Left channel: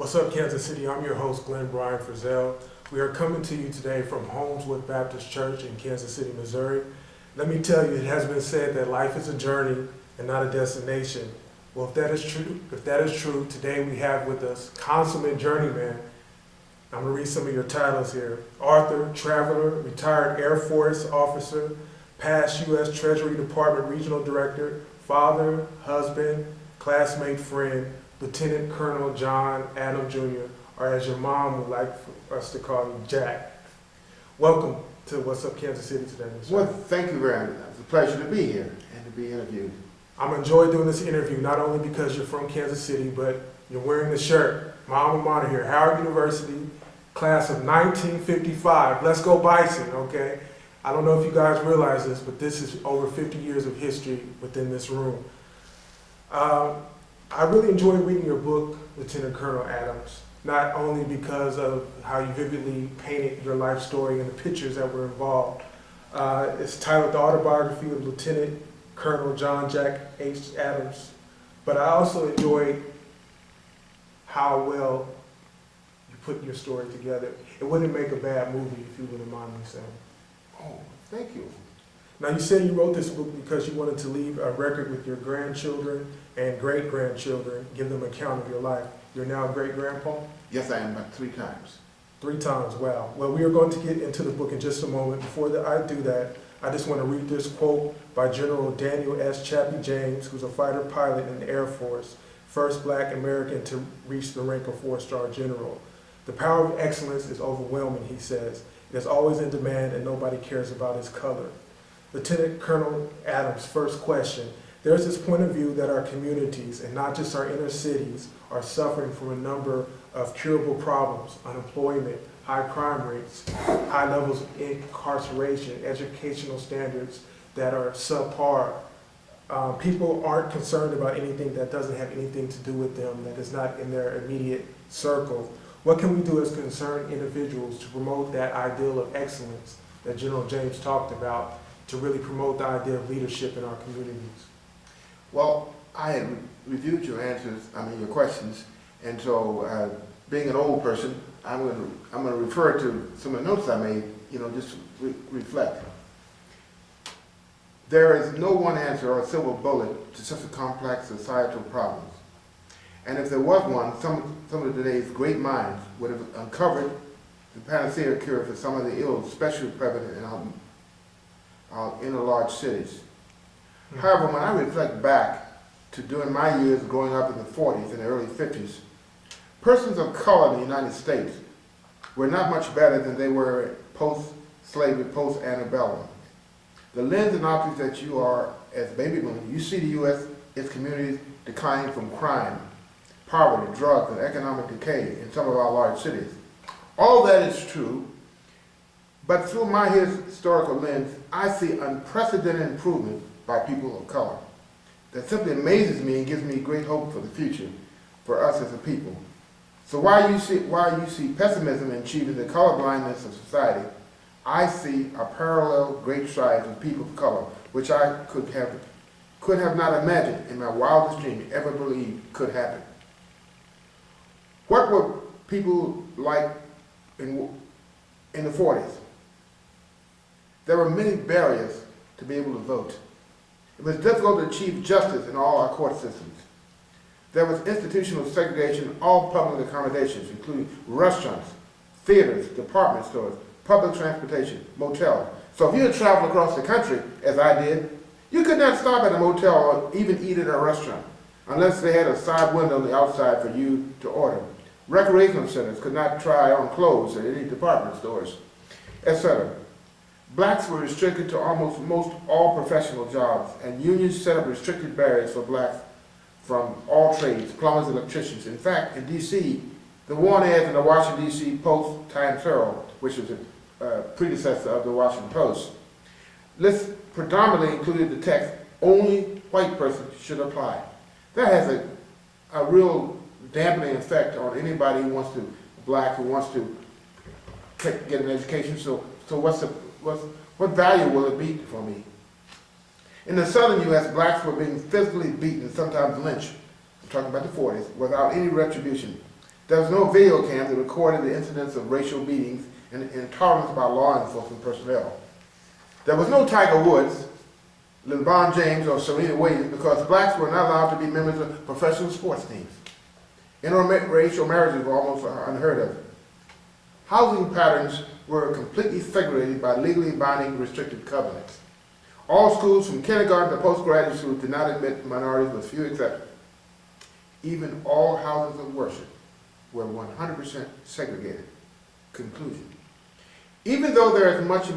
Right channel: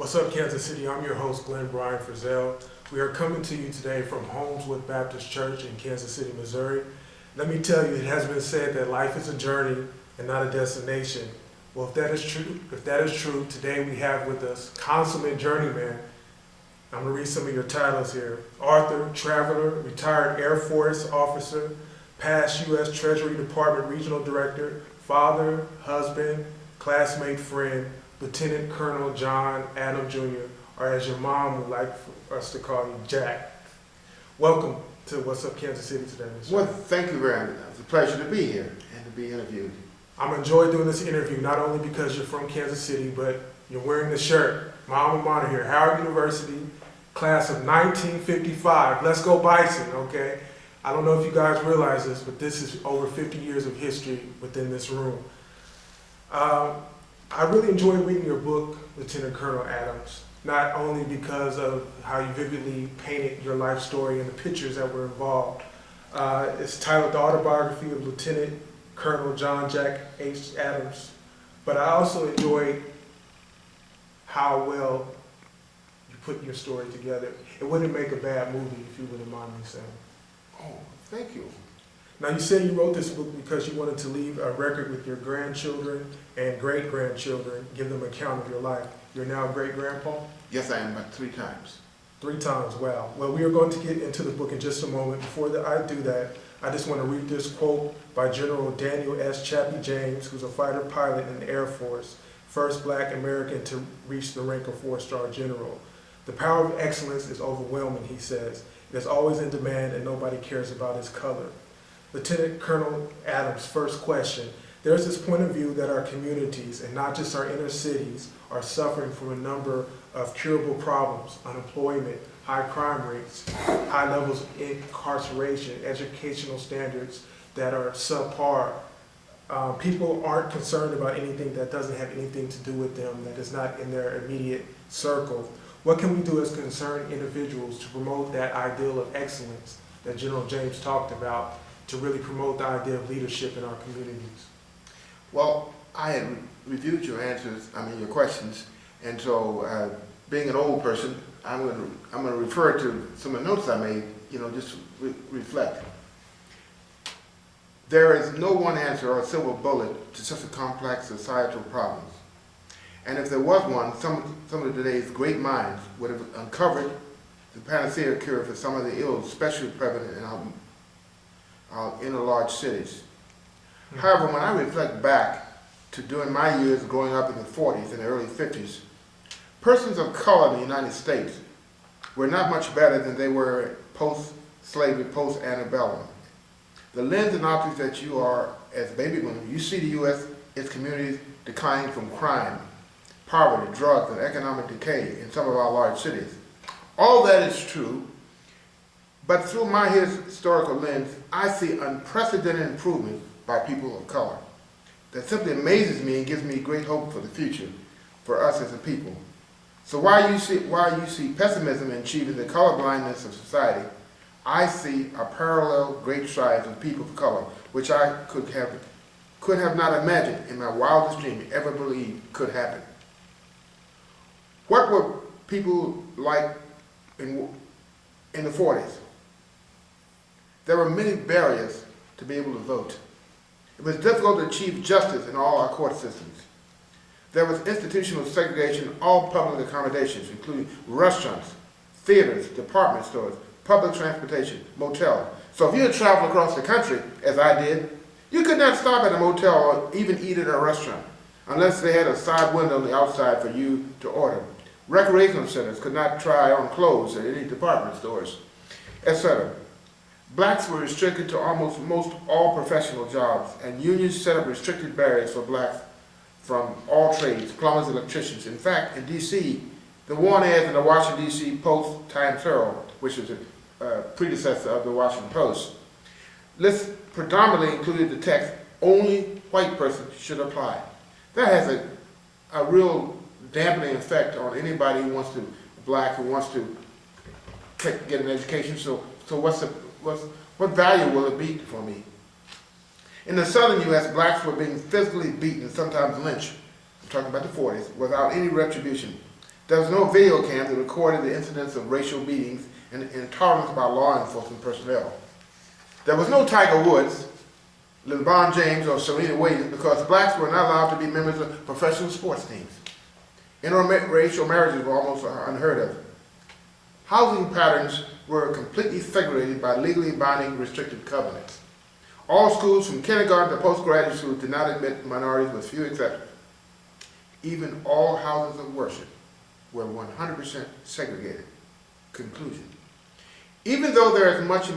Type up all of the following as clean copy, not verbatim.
What's up, Kansas City? I'm your host, Glenn Brian Frizzell. We are coming to you today from Holmeswood Baptist Church in Kansas City, Missouri. Let me tell you, it has been said that life is a journey and not a destination. Well, if that is true, today we have with us consummate journeyman. I'm gonna read some of your titles here. Author, traveler, retired Air Force officer, past U.S. Treasury Department Regional Director, father, husband, classmate, friend, Lieutenant Colonel John Adam Jr., or as your mom would like for us to call you, Jack. Welcome to What's Up Kansas City today, Mr. Well, thank you very much. It's a pleasure to be here and to be interviewed. I'm enjoying doing this interview, not only because you're from Kansas City, but you're wearing the shirt. My alma mater here, Howard University, class of 1955. Let's go Bison, okay? I don't know if you guys realize this, but this is over 50 years of history within this room. I really enjoyed reading your book, Lieutenant Colonel Adams, not only because of how you vividly painted your life story and the pictures that were involved. It's titled The Autobiography of Lieutenant Colonel John Jack H. Adams, but I also enjoyed how well you put your story together. It wouldn't make a bad movie, if you wouldn't mind me saying. Oh, thank you. Now, you said you wrote this book because you wanted to leave a record with your grandchildren and great-grandchildren, give them an account of your life. You're now a great-grandpa? Yes, I am, but 3 times. 3 times, wow. Well, we are going to get into the book in just a moment. Before I do that, I just want to read this quote by General Daniel S. Chappie James, who's a fighter pilot in the Air Force, first black American to reach the rank of 4-star general. The power of excellence is overwhelming, he says. It is always in demand and nobody cares about its color. Lieutenant Colonel Adams' first question: there's this point of view that our communities, and not just our inner cities, are suffering from a number of curable problems: unemployment, high crime rates, high levels of incarceration, educational standards that are subpar. People aren't concerned about anything that doesn't have anything to do with them, that is not in their immediate circle. What can we do as concerned individuals to promote that ideal of excellence that General James talked about, to really promote the idea of leadership in our communities? Well, I had reviewed your your questions, and so being an old person, I'm going to refer to some of the notes I made, just to reflect. There is no one answer or silver bullet to such a complex societal problems. And if there was one, some of today's great minds would have uncovered the panacea cure for some of the ills especially prevalent in our inner large cities. However, when I reflect back to during my years growing up in the 40s and the early 50s, persons of color in the United States were not much better than they were post-slavery, post-antebellum. The lens and optics that you are as baby boomers, you see the U.S., its communities declining from crime, poverty, drugs, and economic decay in some of our large cities. All that is true, but through my historical lens, I see unprecedented improvement by people of color. That simply amazes me and gives me great hope for the future, for us as a people. So while you see pessimism in achieving the colorblindness of society, I see a parallel great strides of people of color, which I could have not imagined in my wildest dream ever believed could happen. What were people like in the 40s? There were many barriers to be able to vote. It was difficult to achieve justice in all our court systems. There was institutional segregation in all public accommodations, including restaurants, theaters, department stores, public transportation, motels. So if you had traveled across the country, as I did, you could not stop at a motel or even eat at a restaurant unless they had a side window on the outside for you to order. Recreational centers could not try on clothes at any department stores, etc. Blacks were restricted to most all professional jobs, and unions set up restricted barriers for blacks from all trades, plumbers, electricians. In fact, in D.C., the warn ads in the Washington, D.C. Post-Times Herald, which was a predecessor of the Washington Post, lists predominantly included the text, "Only white persons should apply." That has a real dampening effect on anybody who wants to, black, who wants to get an education. So what value will it be for me? In the southern U.S., blacks were being physically beaten and sometimes lynched, I'm talking about the 40s, without any retribution. There was no video cam that recorded the incidents of racial beatings and intolerance by law enforcement personnel. There was no Tiger Woods, LeBron James, or Serena Williams because blacks were not allowed to be members of professional sports teams. Interracial marriages were almost unheard of. Housing patterns were completely segregated by legally binding restrictive covenants. All schools from kindergarten to postgraduate schools did not admit minorities with few exceptions. Even all houses of worship were 100% segregated. Conclusion. Even though there is much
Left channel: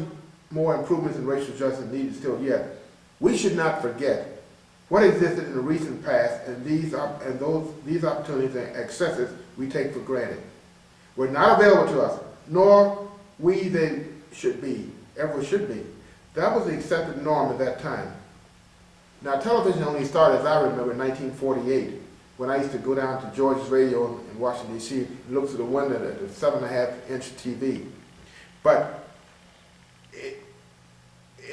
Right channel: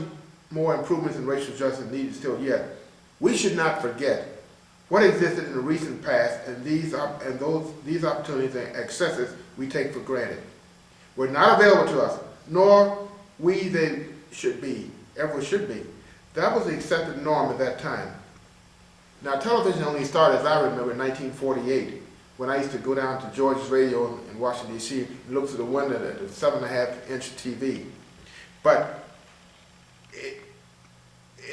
more improvements in racial justice needed still yet, we should not forget what existed in the recent past and these opportunities and accesses we take for granted were not available to us, nor they should be, ever should be. That was the accepted norm at that time. Now, television only started, as I remember, in 1948, when I used to go down to George's Radio in Washington, D.C. and look through the window at the 7.5-inch TV. But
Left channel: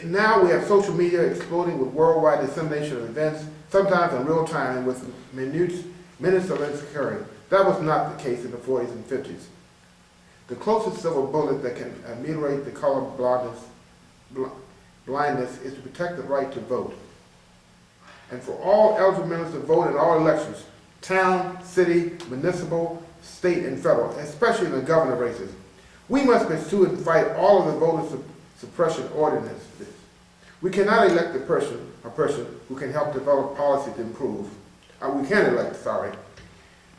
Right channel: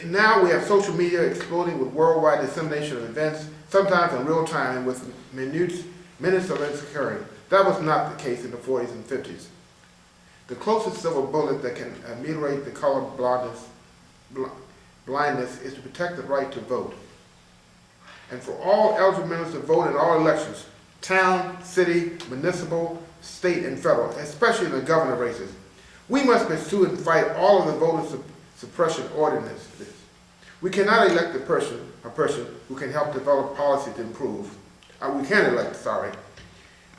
now we have social media exploding with worldwide dissemination of events, sometimes in real time and with minutes of events occurring. That was not the case in the 40s and 50s. The closest silver bullet that can ameliorate the color blindness is to protect the right to vote. And for all eligible members to vote in all elections, town, city, municipal, state, and federal, especially in the governor races, we must pursue and fight all of the voter suppression ordinances. We cannot elect a person who can help develop policy to improve. We can elect,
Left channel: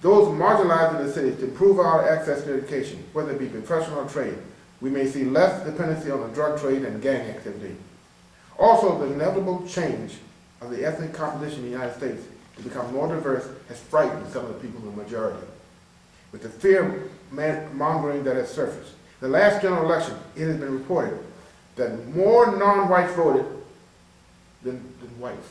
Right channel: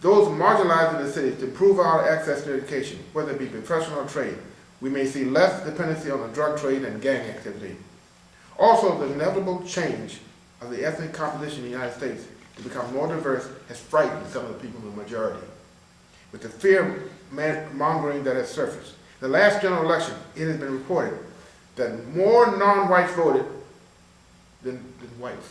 those marginalized in the cities to improve our access to education, whether it be professional or trade. We may see less dependency on the drug trade and gang activity. Also, the inevitable change of the ethnic composition in the United States to become more diverse has frightened some of the people in the majority. With the fear mongering that has surfaced. The last general election, it has been reported that more non-whites voted than whites,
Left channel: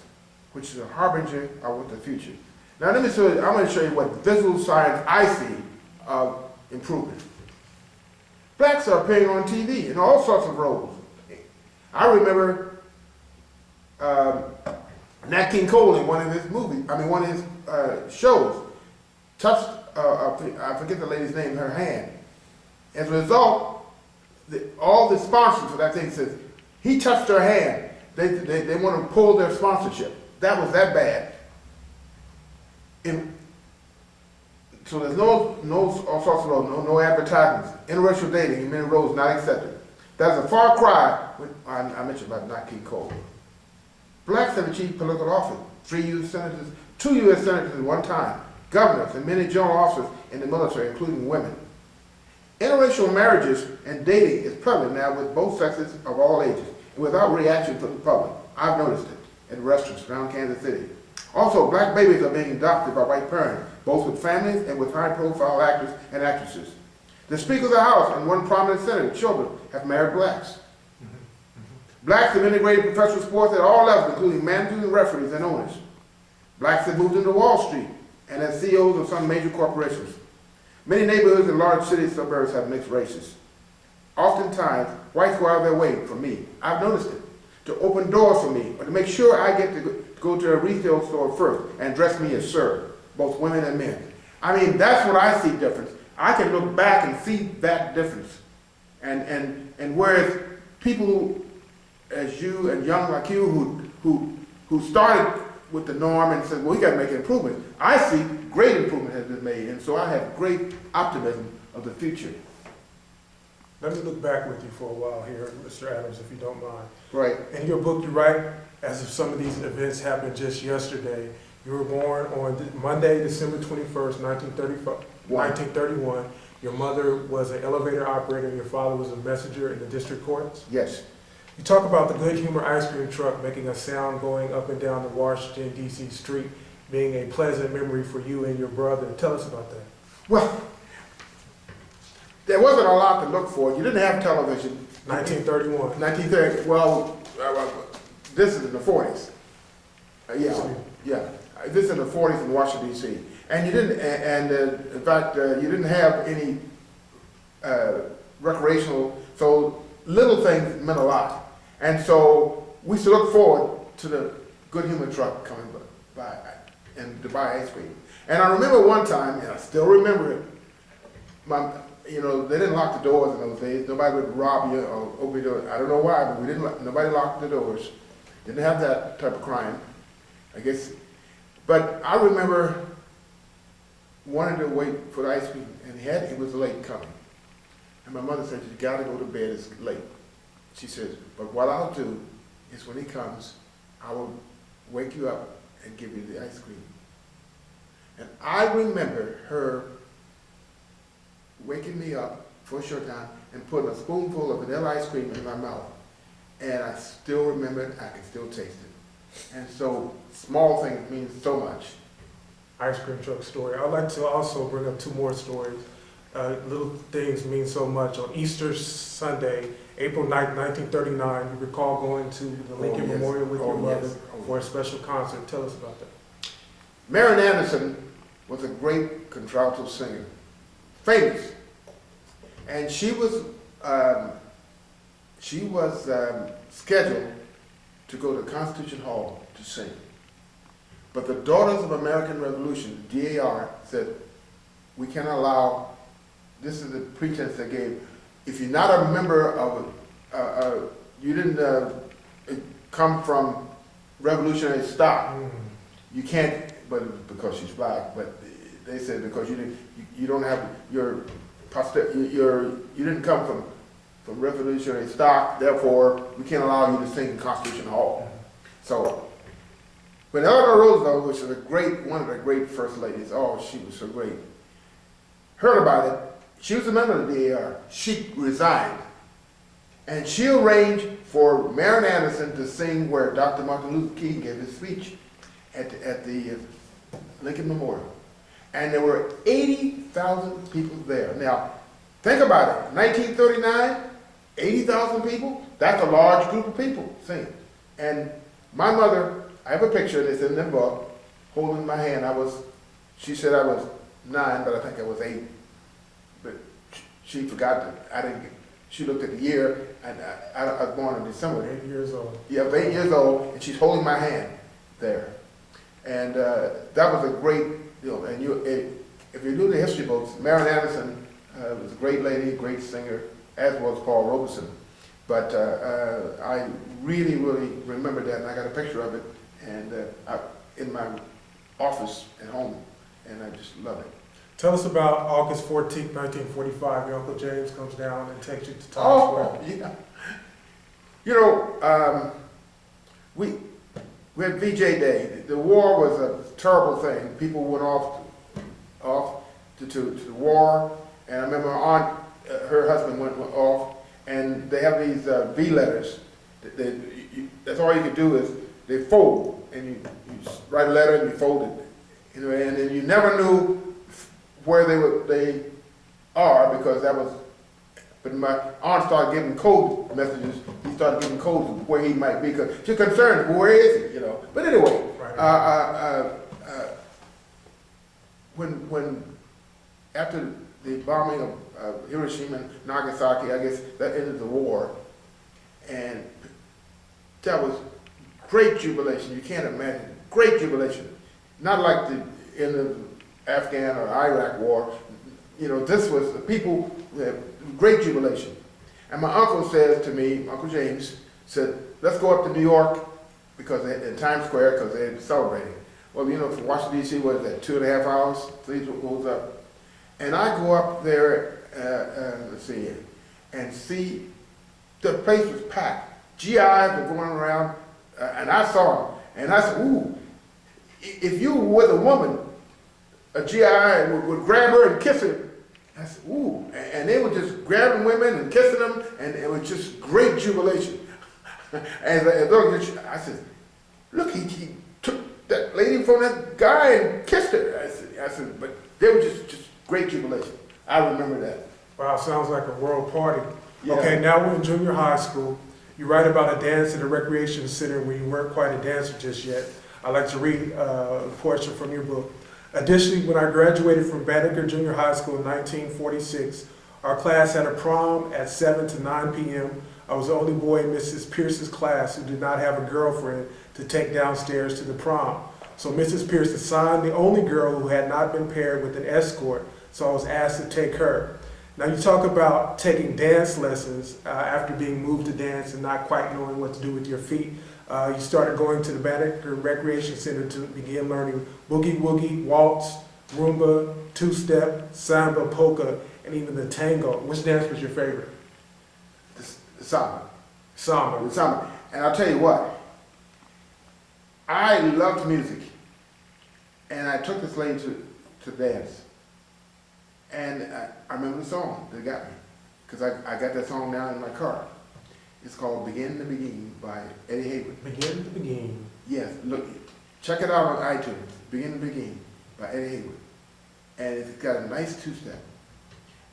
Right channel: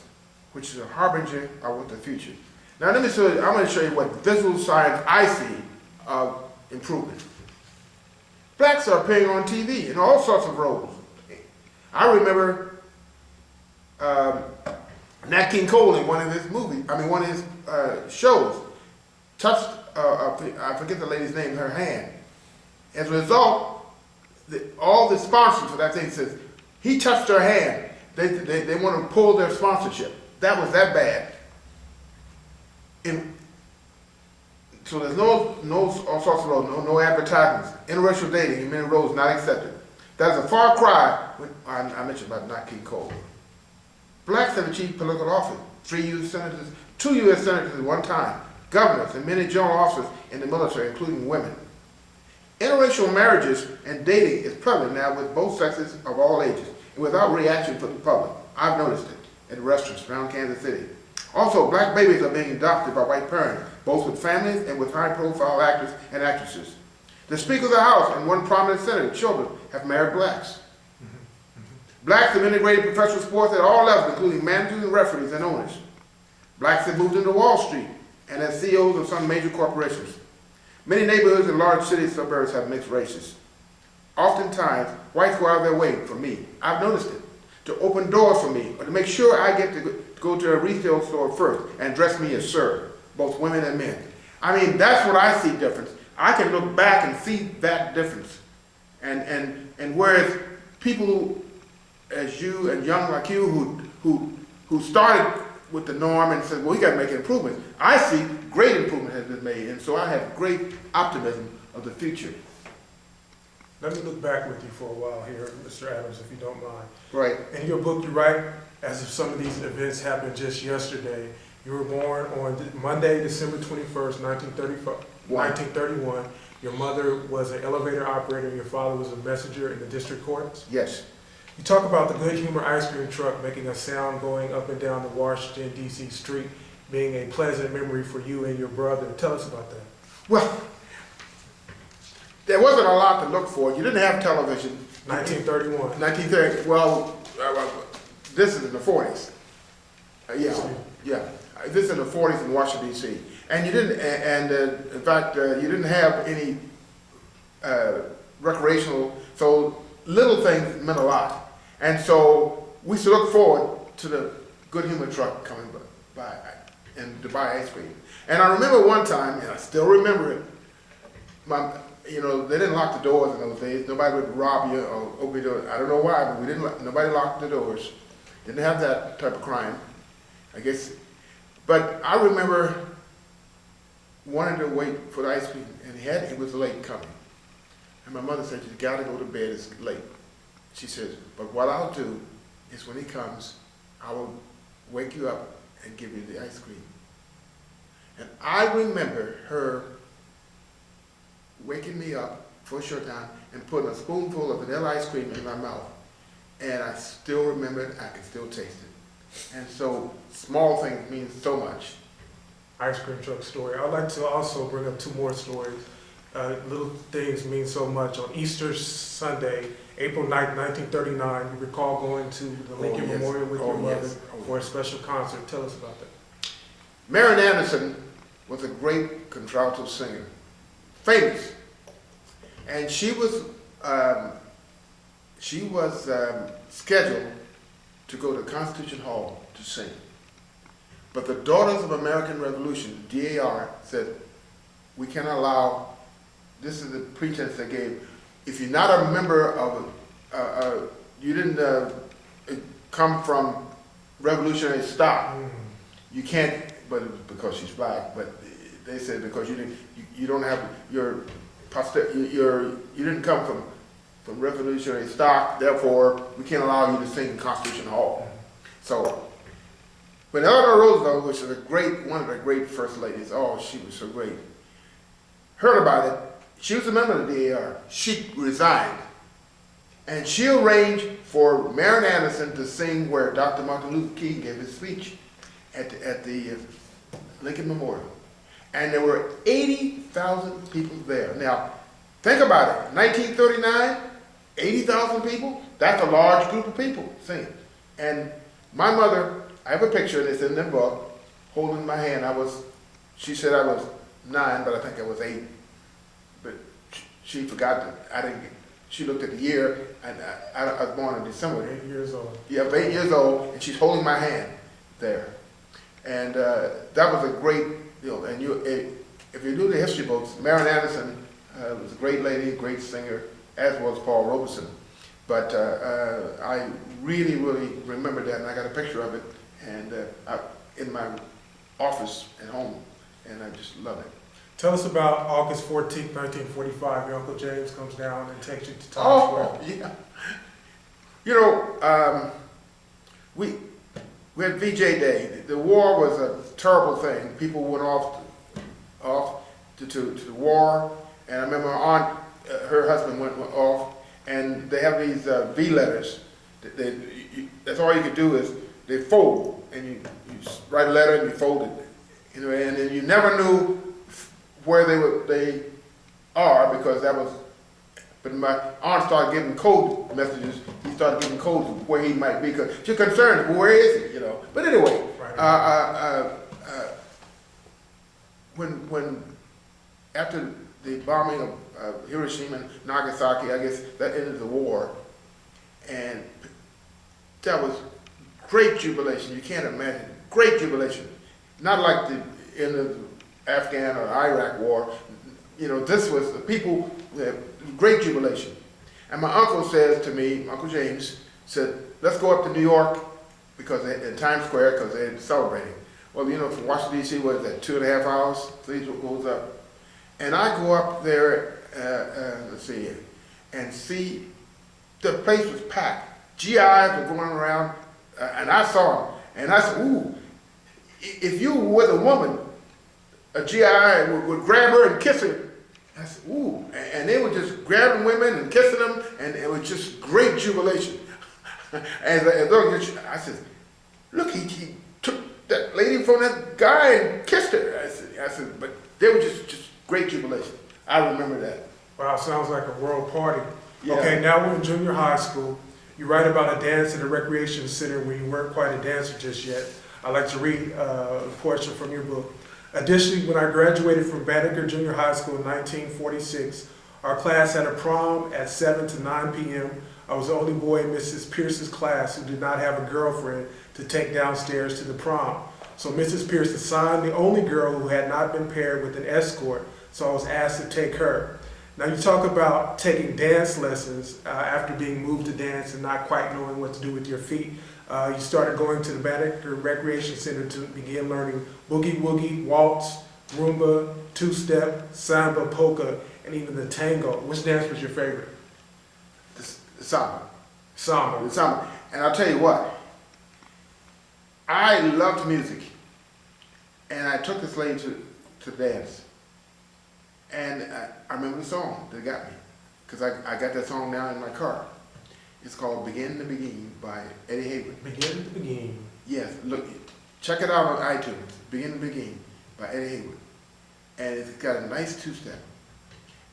which is a harbinger of what the future. Now let me show you, I'm going to show you what visual signs I see of improvement. Blacks are appearing on TV in all sorts of roles. I remember Nat King Cole in one of his shows touched, I forget the lady's name, her hand. As a result, all the sponsors for that thing says, he touched her hand. They want to pull their sponsorship. That was that bad. So there's no all sorts of roles, no advertisements. Interracial dating in many roles not accepted. That is a far cry. I mentioned about Nat King Cole. Blacks have achieved political office. 3 U.S. senators, 2 U.S. senators at one time, governors, and many general officers in the military, including women. Interracial marriages and dating is prevalent now with both sexes of all ages and without reaction from the public. I've noticed it at restaurants around Kansas City. Also, black babies are being adopted by white parents, both with families and with high-profile actors and actresses. The Speaker of the House and one prominent senator, children, have married blacks. Blacks have integrated professional sports at all levels, including managers and referees and owners. Blacks have moved into Wall Street and as CEOs of some major corporations. Many neighborhoods in large city suburbs have mixed races. Oftentimes, whites go out of their way for me. I've noticed it. To open doors for me, or to make sure I get to go to a retail store first and dress me as sir, both women and men. I mean, that's what I see difference. I can look back and see that difference. And whereas people as you and young like you who started with the norm and said, well, we got to make improvements, I see great improvement has been made, and so I have great optimism of the future. Let me look back with you for a while here, Mr. Adams, if you don't mind. Right. In your book, you write, as if some of these events happened just yesterday. You were born on Monday, December 21st, 1931. Your mother was an elevator operator, and your father was a messenger in the district courts. Yes. You talk about the Good Humor ice cream truck making a sound going up and down the Washington, D.C. street, being a pleasant memory for you and your brother. Tell us about that. Well, there wasn't a lot to look for. You didn't have television. 1931. 1930. Well, this is in the 40s. Yeah. This is in the 40s in Washington, D.C. And you didn't, in fact, you didn't have any recreational, so little things meant a lot. And so we used to look forward to the Good Humor truck coming by and to buy ice cream. And I remember one time, and I still remember it, they didn't lock the doors in those days. Nobody would rob you or open your door. I don't know why, but nobody locked the doors. Didn't have that type of crime, I guess. But I remember wanting to wait for the ice cream, and it was late coming. And my mother said, "You gotta go to bed, it's late." She says, "But what I'll do is when he comes, I will wake you up and give you the ice cream." And I remember her waking me up for a short time and putting a spoonful of vanilla ice cream in my mouth. And I still remember it, I can still taste it. And so small things mean so much. Ice cream truck story. I'd like to also bring up two more stories. Little things mean so much. On Easter Sunday, April 9th, 1939, you recall going to the Lincoln yes. Memorial with your mother Yes. for a special concert. Tell us about that. Marian Anderson was a great contralto singer, famous. And she was scheduled to go to Constitution Hall to sing. But the Daughters of American Revolution, the DAR, said, "We cannot allow," this is the pretense they gave, "if you're not a member of, you didn't come from revolutionary stock, you can't," but it was because she's black, but they said because you don't have you didn't come from revolutionary stock, therefore we can't allow you to sing in Constitution Hall. So when Eleanor Roosevelt, which is one of the great first ladies, oh, she was so great, heard about it, she was a member of the DAR. She resigned. And she arranged for Marian Anderson to sing where Dr. Martin Luther King gave his speech at the Lincoln Memorial. And there were 80,000 people there. Now, think about it. 1939, 80,000 people? That's a large group of people singing. And my mother, I have a picture that's in the book, holding my hand. She said I was 9, but I think I was 8. But she forgot that she looked at the year, and I was born in December. 8 years old. Yeah, I was 8 years old, and she's holding my hand there. And that was a great deal. And if you do the history books, Marian Anderson was a great lady, great singer, as was Paul Robeson. But I really, really remember that, and I got a picture of it and in my office at home, and I just love it. Tell us about August 14th, 1945. Your Uncle James comes down and takes you to Times Square. Yeah. You know, we had VJ Day. The war was a terrible thing. People went off to the war, and I remember my aunt, her husband went off, and they have these V letters. That's all you could do is they fold, and you write a letter and you fold it, and then you never knew where they are, because that was. But my aunt started giving code messages. He started giving codes of where he might be, because she's concerned, where is he, you know? But anyway, when after the bombing of Hiroshima and Nagasaki, I guess that ended the war, and that was great jubilation. You can't imagine, great jubilation. Not like the end of the Afghan or Iraq war. You know, this was the people, great jubilation. And my uncle says to me, Uncle James, said, let's go up to New York, because in Times Square, because they're celebrating. Well, you know, from Washington, D.C., what is that, 2.5 hours? Please goes up. And I go up there, and see the place was packed. GIs were going around, and I saw them. And I said, ooh, if you were with a woman, a GI would grab her and kiss her. I said, ooh, and they were just grabbing women and kissing them, and it was just great jubilation. I said, look, he took that lady from that guy and kissed her. I said, but they were just great jubilation. I remember that. Wow, sounds like a world party. Yeah. Okay, now we're in junior high school. You write about a dance at a recreation center where you weren't quite a dancer just yet. I'd like to read a portion from your book. Additionally, when I graduated from Banneker Junior High School in 1946, our class had a prom at 7 to 9 p.m. I was the only boy in Mrs. Pierce's class who did not have a girlfriend to take downstairs to the prom. So Mrs. Pierce assigned the only girl who had not been paired with an escort so I was asked to take her. Now you talk about taking dance lessons after being moved to dance and not quite knowing what to do with your feet. You started going to the Banneker Recreation Center to begin learning boogie woogie, waltz, rumba, two-step, samba, polka, and even the tango. Which dance was your favorite? The samba. Samba. The samba. And I'll tell you what, I loved music, and I took this lady to dance. And I remember the song that got me, because I got that song now in my car. It's called Begin to Begin by Eddie Hayward. Begin to Begin. Yes, look, check it out on iTunes, Begin to Begin by Eddie Hayward. And it's got a nice two-step.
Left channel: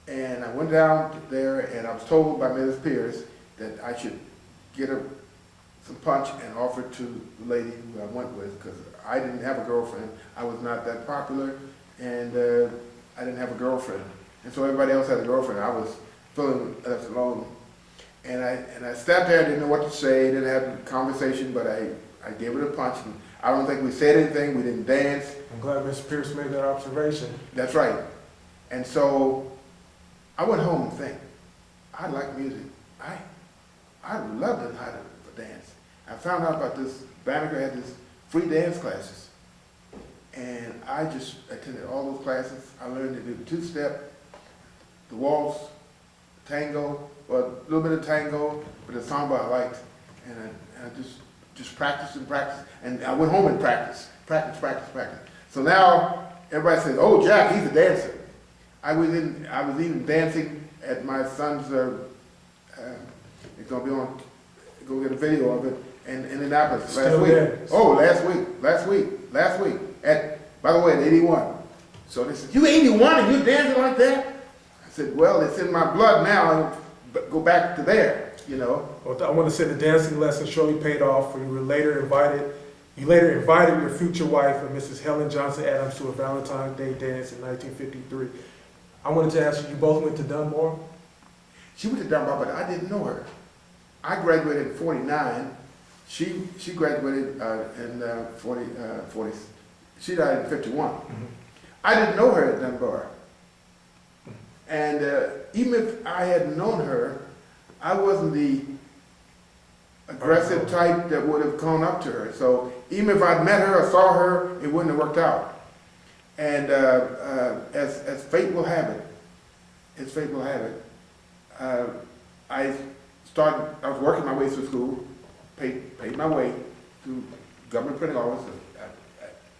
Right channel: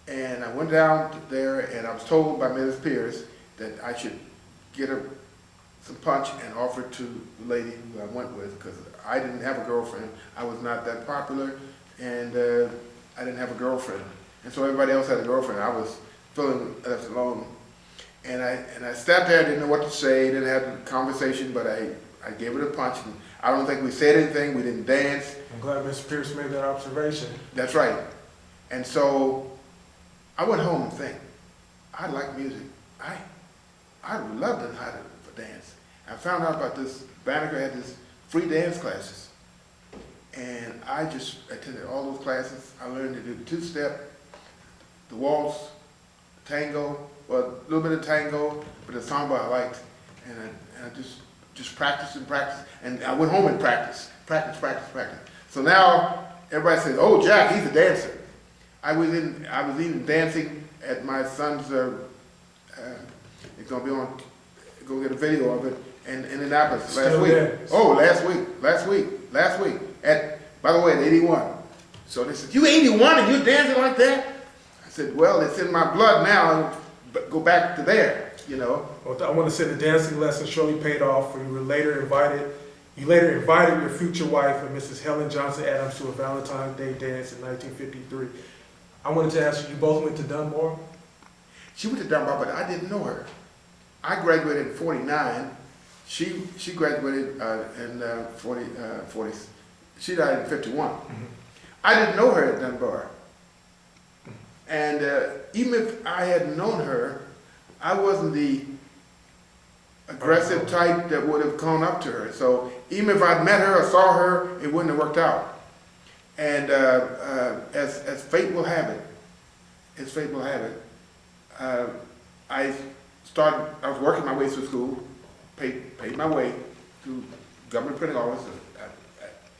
And I went down there, and I was told by Mrs. Pierce that I should get her some punch and offer it to the lady who I went with, because I didn't have a girlfriend. I was not that popular, and I didn't have a girlfriend. And so everybody else had a girlfriend. I was feeling left alone. And I sat there, didn't know what to say, didn't have a conversation, but I gave it a punch. And I don't think we said anything, we didn't dance. I'm glad Mr. Pierce made that observation. That's right. And so I went home and think, I like music. I would love to learn how to dance. I found out about this, Banneker had this free dance classes. And I just attended all those classes. I learned to do the two-step, the waltz, the tango, well, a little bit of tango, but the samba I liked. And I just practiced and practiced. And I went home and practiced. So now everybody says, oh, Jack, he's a dancer. I was even dancing at my son's, it's gonna be on, go get a video of it, in Indianapolis last week. Dance. Oh, last week. By the way, at 81. So they said, you 81 and you're dancing like that? I said, well, it's in my blood now, go back to there, you know. Well, I want to say the dancing lesson surely paid off, for you later invited your future wife, Mrs. Helen Johnson Adams, to a Valentine's Day dance in 1953. I wanted to ask you both went to Dunbar? She went to Dunbar, but I didn't know her. I graduated in 49. She graduated in 40. She died in 51. Mm-hmm. I didn't know her at Dunbar. And even if I had known her, I wasn't the aggressive type that would have gone up to her. So even if I'd met her or saw her, it wouldn't have worked out. And as fate will have it, I was working my way through school, paid my way through government printing office. I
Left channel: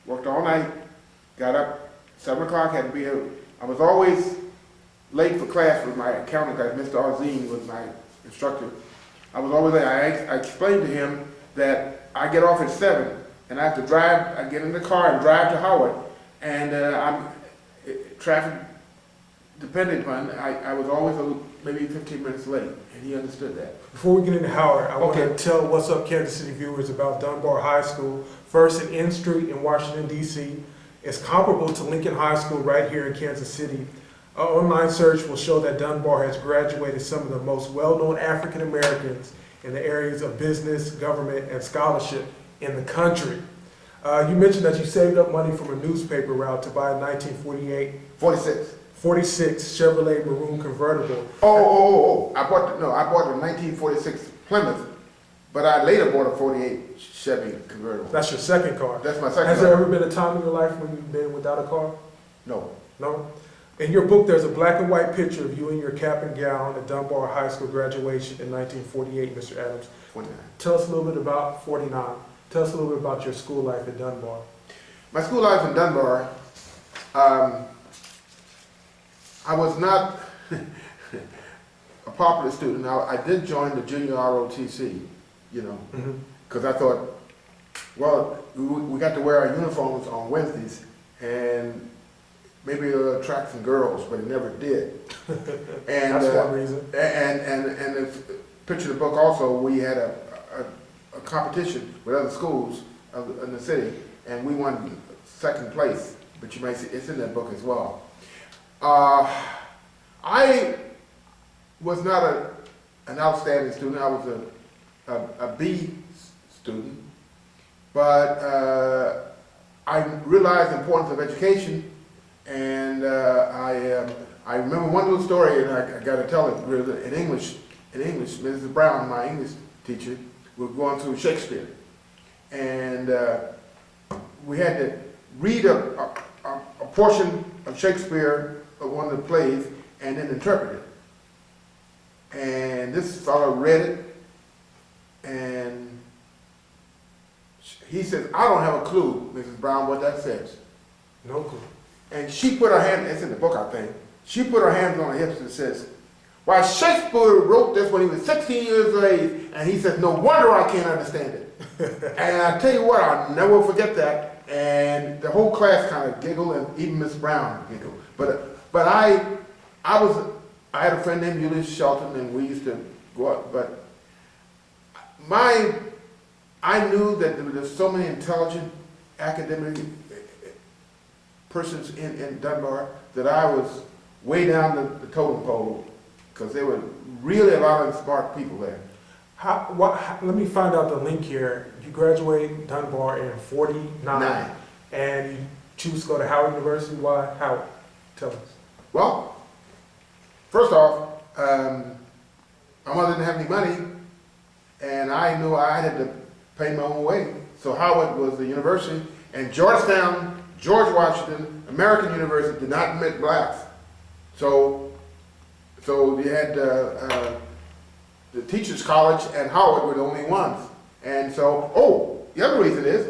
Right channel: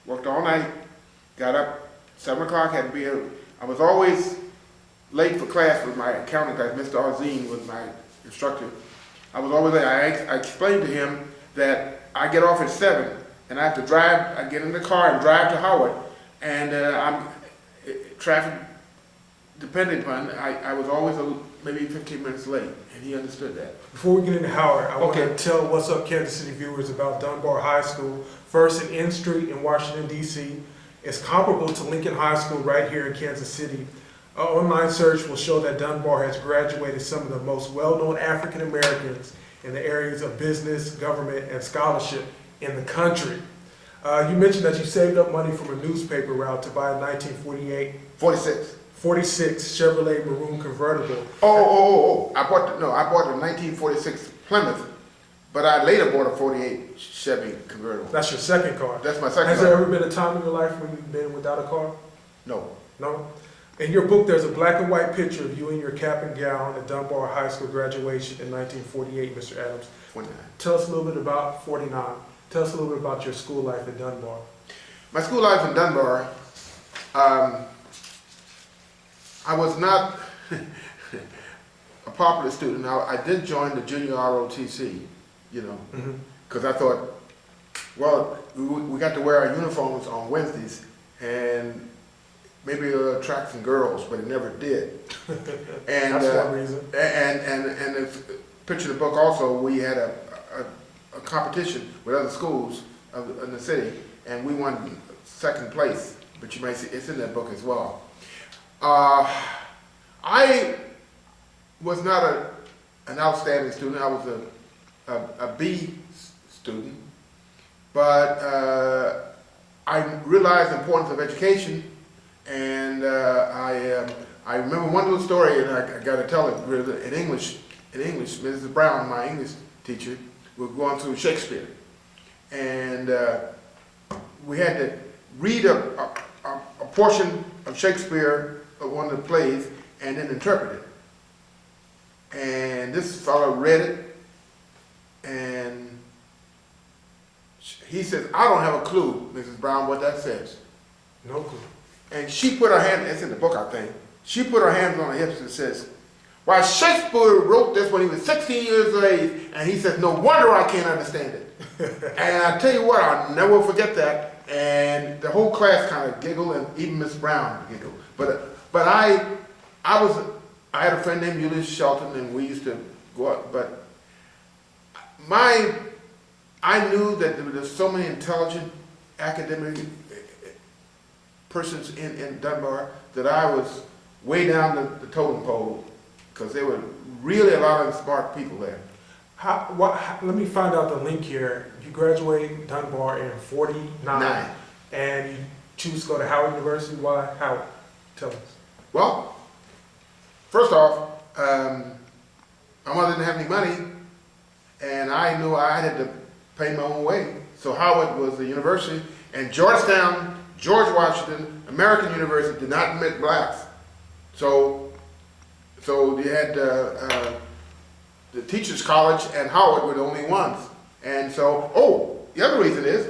worked all night, got up 7 o'clock, had to be here. I was always late for class with my accounting class. Mr. Arzine was my instructor. I was always late. I explained to him that I get off at 7 and I have to drive, I get in the car and drive to Howard, and I'm traffic dependent upon, I was always maybe 15 minutes late, and he understood that. Before we get into Howard, I want to tell What's Up Kansas City viewers about Dunbar High School, first at N Street in Washington, D.C. It's comparable to Lincoln High School right here in Kansas City. An online search will show that Dunbar has graduated some of the most well-known African Americans in the areas of business, government, and scholarship in the country. You mentioned that you saved up money from a newspaper route to buy a 1946 Chevrolet Maroon convertible. I bought the 1946 Plymouth, but I later bought a 48 Chevy convertible. That's your second car. That's my second car. Has there ever been a time in your life when you've been without a car? No. No? In your book, there's a black and white picture of you in your cap and gown at Dunbar High School graduation in 1948, Mr. Adams. 49. Tell us a little bit about 49. Tell us a little bit about your school life at Dunbar. My school life in Dunbar, I was not a popular student. I did join the junior ROTC, you know, because I thought, well, we got to wear our uniforms on Wednesdays, and maybe it'll attract some girls, but it never did. And that's one reason. And if picture the book also, we had a competition with other schools in the city, and we won second place. But you may see it's in that book as well. I was not an outstanding student. I was a B student, but I realized the importance of education, And I remember one little story, and I got to tell it in English. In English, Mrs. Brown, my English teacher, was going through Shakespeare, and we had to read a portion of Shakespeare, of one of the plays, and then interpret it. And this fellow read it, and he says, "I don't have a clue, Mrs. Brown, what that says." No clue. And she put her hand, it's in the book, I think, she put her hands on her hips and says, "Why, Shakespeare wrote this when he was 16 years of age," and he said, "No wonder I can't understand it." And I tell you what, I'll never forget that. And the whole class kind of giggled, and even Miss Brown giggled. But I had a friend named Julius Shelton, and we used to go out. But I knew that there were so many intelligent academic persons in Dunbar that I was way down the totem pole, because there were really a lot of smart people there. Let me find out the link here. You graduate Dunbar in 49, Nine. and you choose to go to Howard University. Why Howard? Tell us. Well, first off, my mother didn't have any money, and I knew I had to pay my own way. So Howard was the university, and Georgetown, George Washington, American University did not admit blacks. So you had the Teachers College and Howard were the only ones. And so, the other reason is,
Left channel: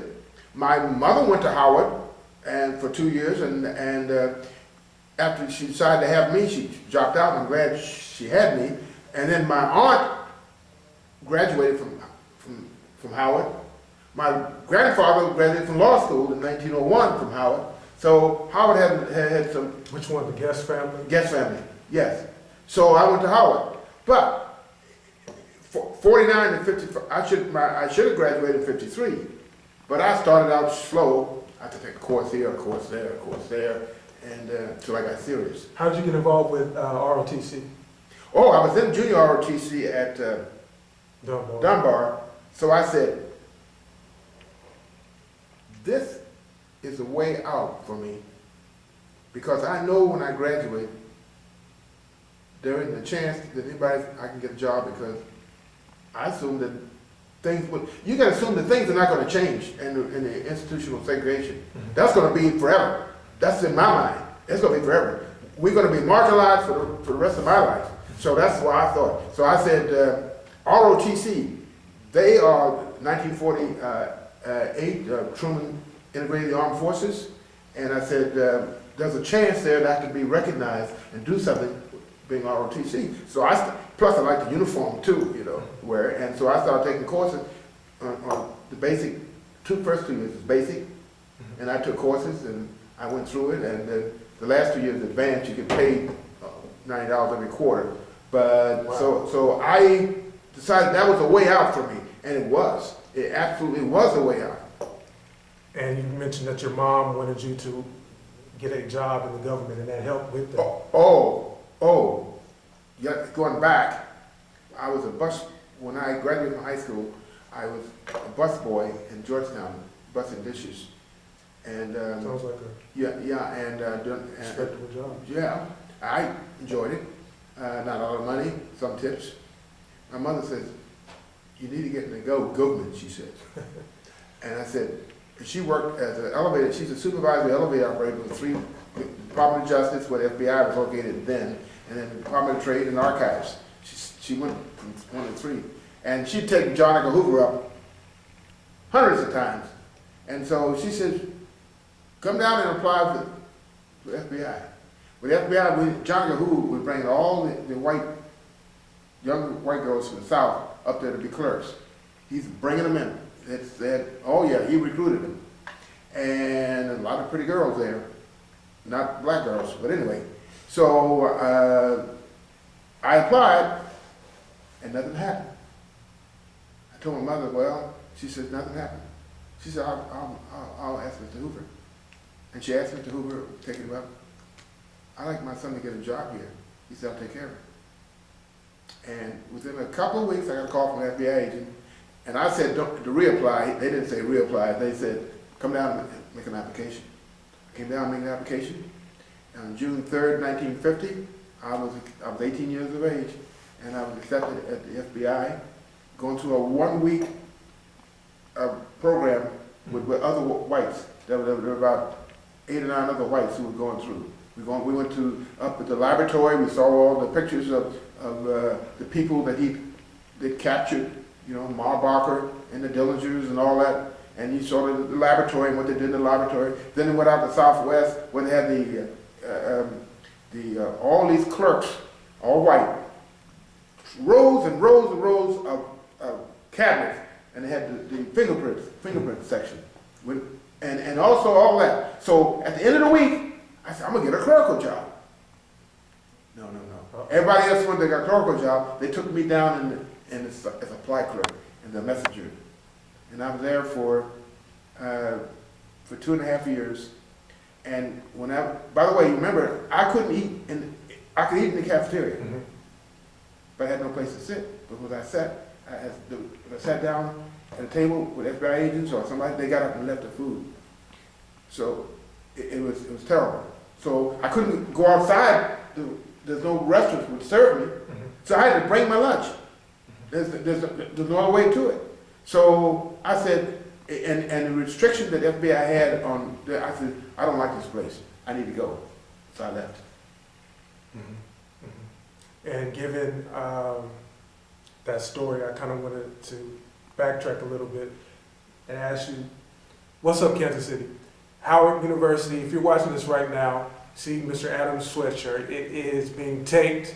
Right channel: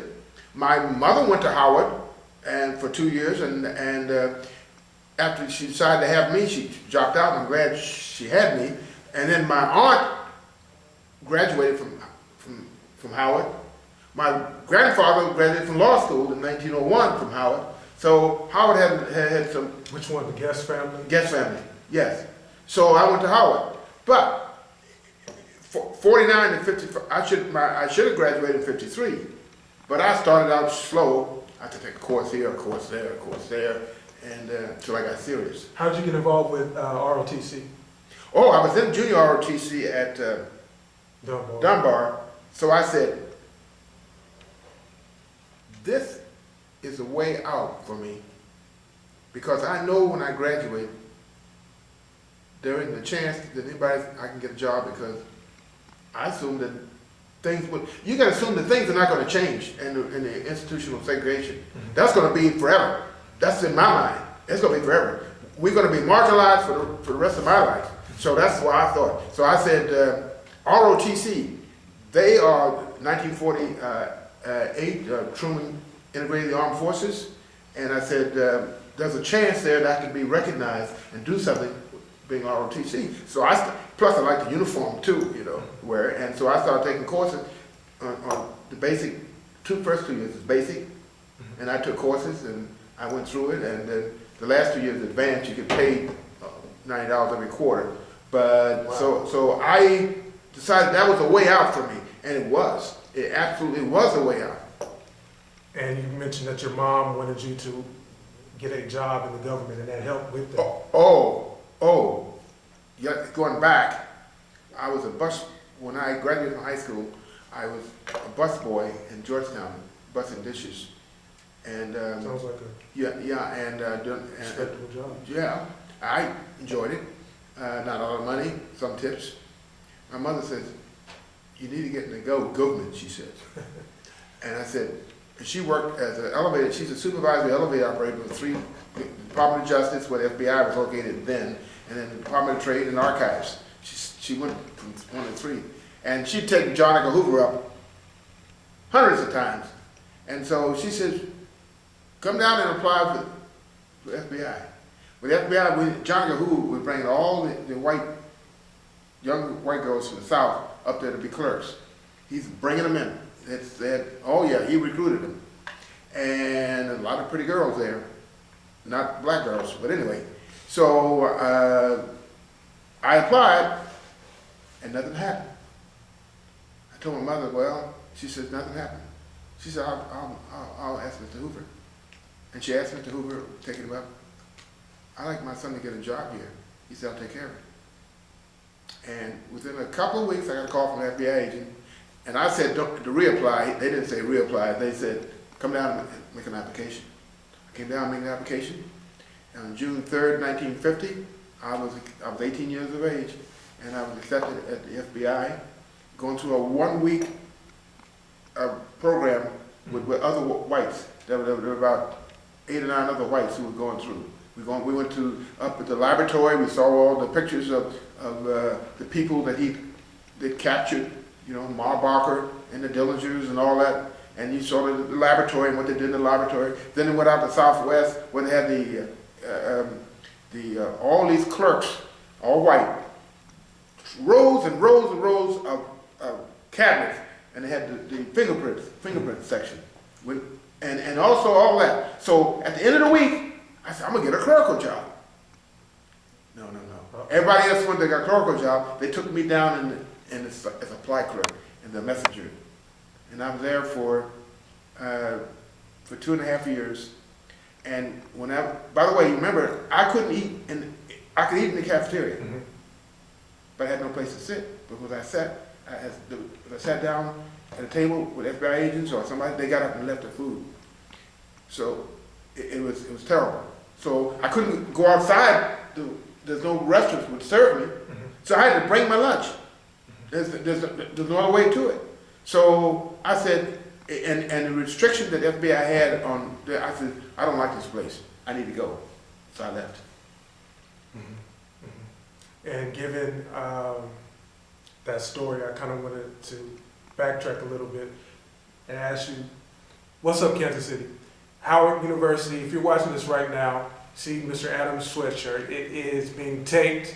my mother went to Howard and for 2 years, and after she decided to have me, she dropped out, and I'm glad she had me. And then my aunt graduated from Howard. My grandfather graduated from law school in 1901 from Howard. So Howard had some... Which one, the Guest family? Guest family, yes. So I went to Howard. But 49 and 55, I should have graduated in 53. But I started out slow. I had to take a course here, a course there, a course there, and until I got serious. How did you get involved with ROTC? Oh, I was in junior ROTC at Dunbar. So I said, this is a way out for me, because I know when I graduate, there isn't a chance that I can get a job, because I assume that you got to assume that things are not going to change in the institutional segregation. Mm-hmm. That's going to be forever. That's in my mind. It's going to be forever. We're going to be marginalized for the rest of my life. So that's what I thought. So I said, ROTC, they are 1948, Truman integrated the armed forces, and I said, there's a chance there that I could be recognized and do something being ROTC. So plus I like the uniform too, and so I started taking courses on the basic, first 2 years is basic, and I took courses and I went through it, and then the last 2 years advanced, you get paid $90 every quarter. But wow. So I decided that was a way out for me, and it was. It absolutely was a way out. And you mentioned that your mom wanted you to get a job in the government, and that helped with that. Yeah, going back, I was when I graduated from high school, I was a bus boy in Georgetown, busing dishes. And sounds like a respectable job. Yeah, I enjoyed it. Not a lot of money, some tips. My mother says, "You need to get in the government," she said. And I said, she worked as an elevator, she's a supervisory elevator operator with three, Department of Justice, where the FBI was located then, and then the Department of Trade and Archives. She went from 1 to 3. And she'd taken John Edgar Hoover up hundreds of times. And so she says, come down and apply for FBI. With FBI, John Edgar Hoover was bringing all the young white girls from the South up there to be clerks. He's bringing them in. He recruited them. And a lot of pretty girls there. Not black girls, but anyway. So I applied, and nothing happened. I told my mother, well, she said, nothing happened. She said, I'll ask Mr. Hoover. And she asked Mr. Hoover, taking him up, I'd like my son to get a job here. He said, I'll take care of it. And within a couple of weeks, I got a call from an FBI agent. And I said, to reapply. They didn't say reapply. They said, come down and make an application. I came down and made an application. on June 3rd, 1950, I was 18 years of age, and I was accepted at the FBI, going through a 1-week program with other whites. There were about 8 or 9 other whites who were going through. We went up at the laboratory. We saw all the pictures of the people that that captured, you know, Marbacher and the Dillingers and all that. And you saw the laboratory and what they did in the laboratory. Then they went out to Southwest where they had all these clerks, all white, rows and rows and rows of cabinets, and they had the fingerprint section, and also all that. So at the end of the week, I said, I'm gonna get a clerical job. No. Everybody else, when they got a clerical job, they took me down as a supply clerk in the messenger, and I was there for 2.5 years. And by the way, remember, I could eat in the cafeteria, but I had no place to sit because I sat down at a table with FBI agents or somebody. They got up and left the food, so it was terrible. So I couldn't go outside. There's no restaurants would serve me, so I had to bring my lunch. There's no other way to it. So I said, and the restriction that FBI had on, I said, I don't like this place. I need to go. So I left. And given that story, I kind of wanted to backtrack a little bit and ask you, what's up, Kansas City? Howard University, if you're watching this right now, see Mr. Adams' sweatshirt. It is being taped.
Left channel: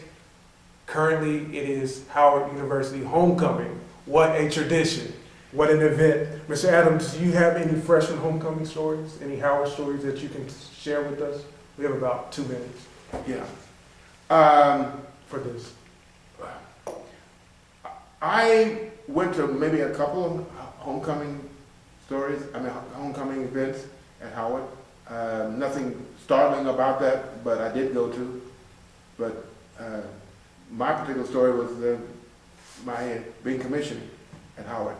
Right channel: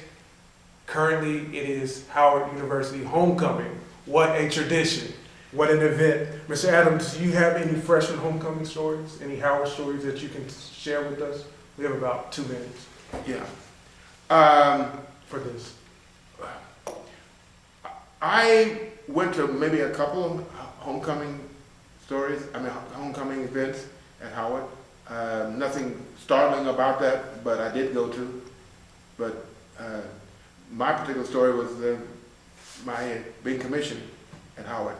Currently, it is Howard University homecoming. What a tradition. What an event. Mr. Adams, do you have any freshman homecoming stories? Any Howard stories that you can share with us? We have about 2 minutes. Yeah. For this. I went to maybe a couple of homecoming homecoming events at Howard. Nothing startling about that, but I did go to. But my particular story was my being commissioned at Howard.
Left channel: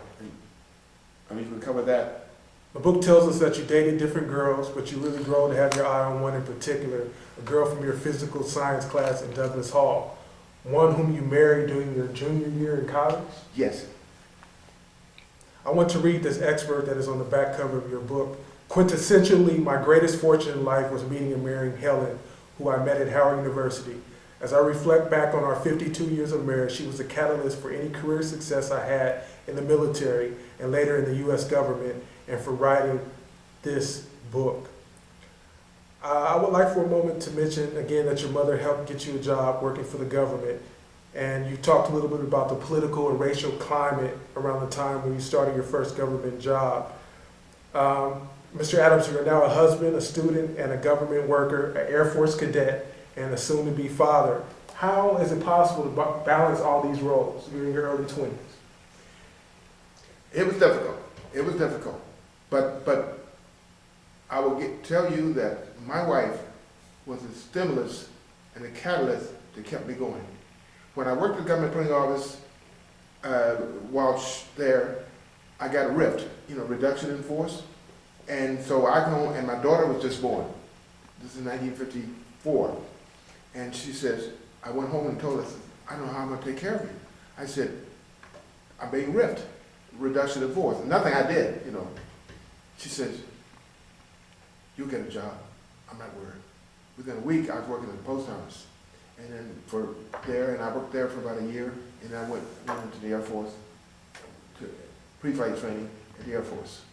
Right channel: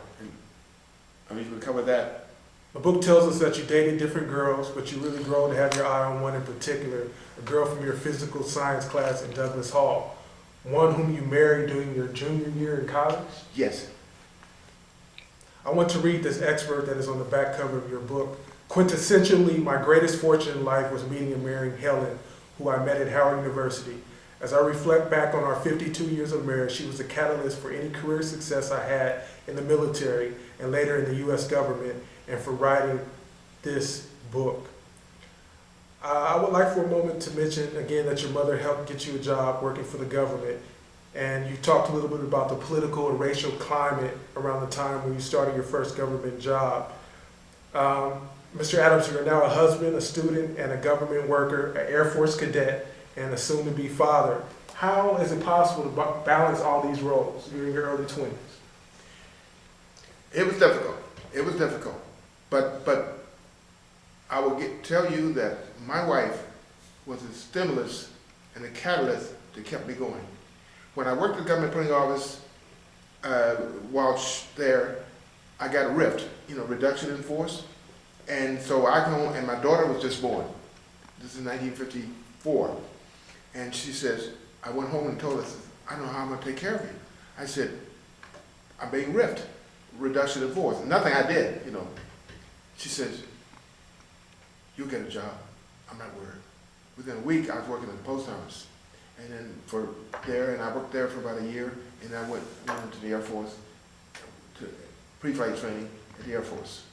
And we can cover that. The book tells us that you dated different girls, but you really grow to have your eye on one in particular, a girl from your physical science class in Douglas Hall, one whom you married during your junior year in college? Yes. I want to read this excerpt that is on the back cover of your book. Quintessentially, my greatest fortune in life was meeting and marrying Helen, who I met at Howard University. As I reflect back on our 52 years of marriage, she was a catalyst for any career success I had in the military and later in the U.S. government, and for writing this book. I would like for a moment to mention again that your mother helped get you a job working for the government, and you talked a little bit about the political and racial climate around the time when you started your first government job. Mr. Adams, you are now a husband, a student, and a government worker, an Air Force cadet, and a soon-to-be father. How is it possible to balance all these roles? You're in your early 20s. It was difficult. It was difficult. But I will tell you that my wife was a stimulus and a catalyst that kept me going. When I worked at the government printing office, while there, I got a RIFT, reduction in force. And so I come home, and my daughter was just born. This is 1954. And she says, I went home and told her, I don't know how I'm going to take care of you. I said, I'm being RIFT, reduction in force. Nothing I did, She says, you'll get a job. I'm not worried. Within a week, I was working at the post office. And then and I worked there for about a year, and I went into the Air Force, to pre-flight training at the Air Force.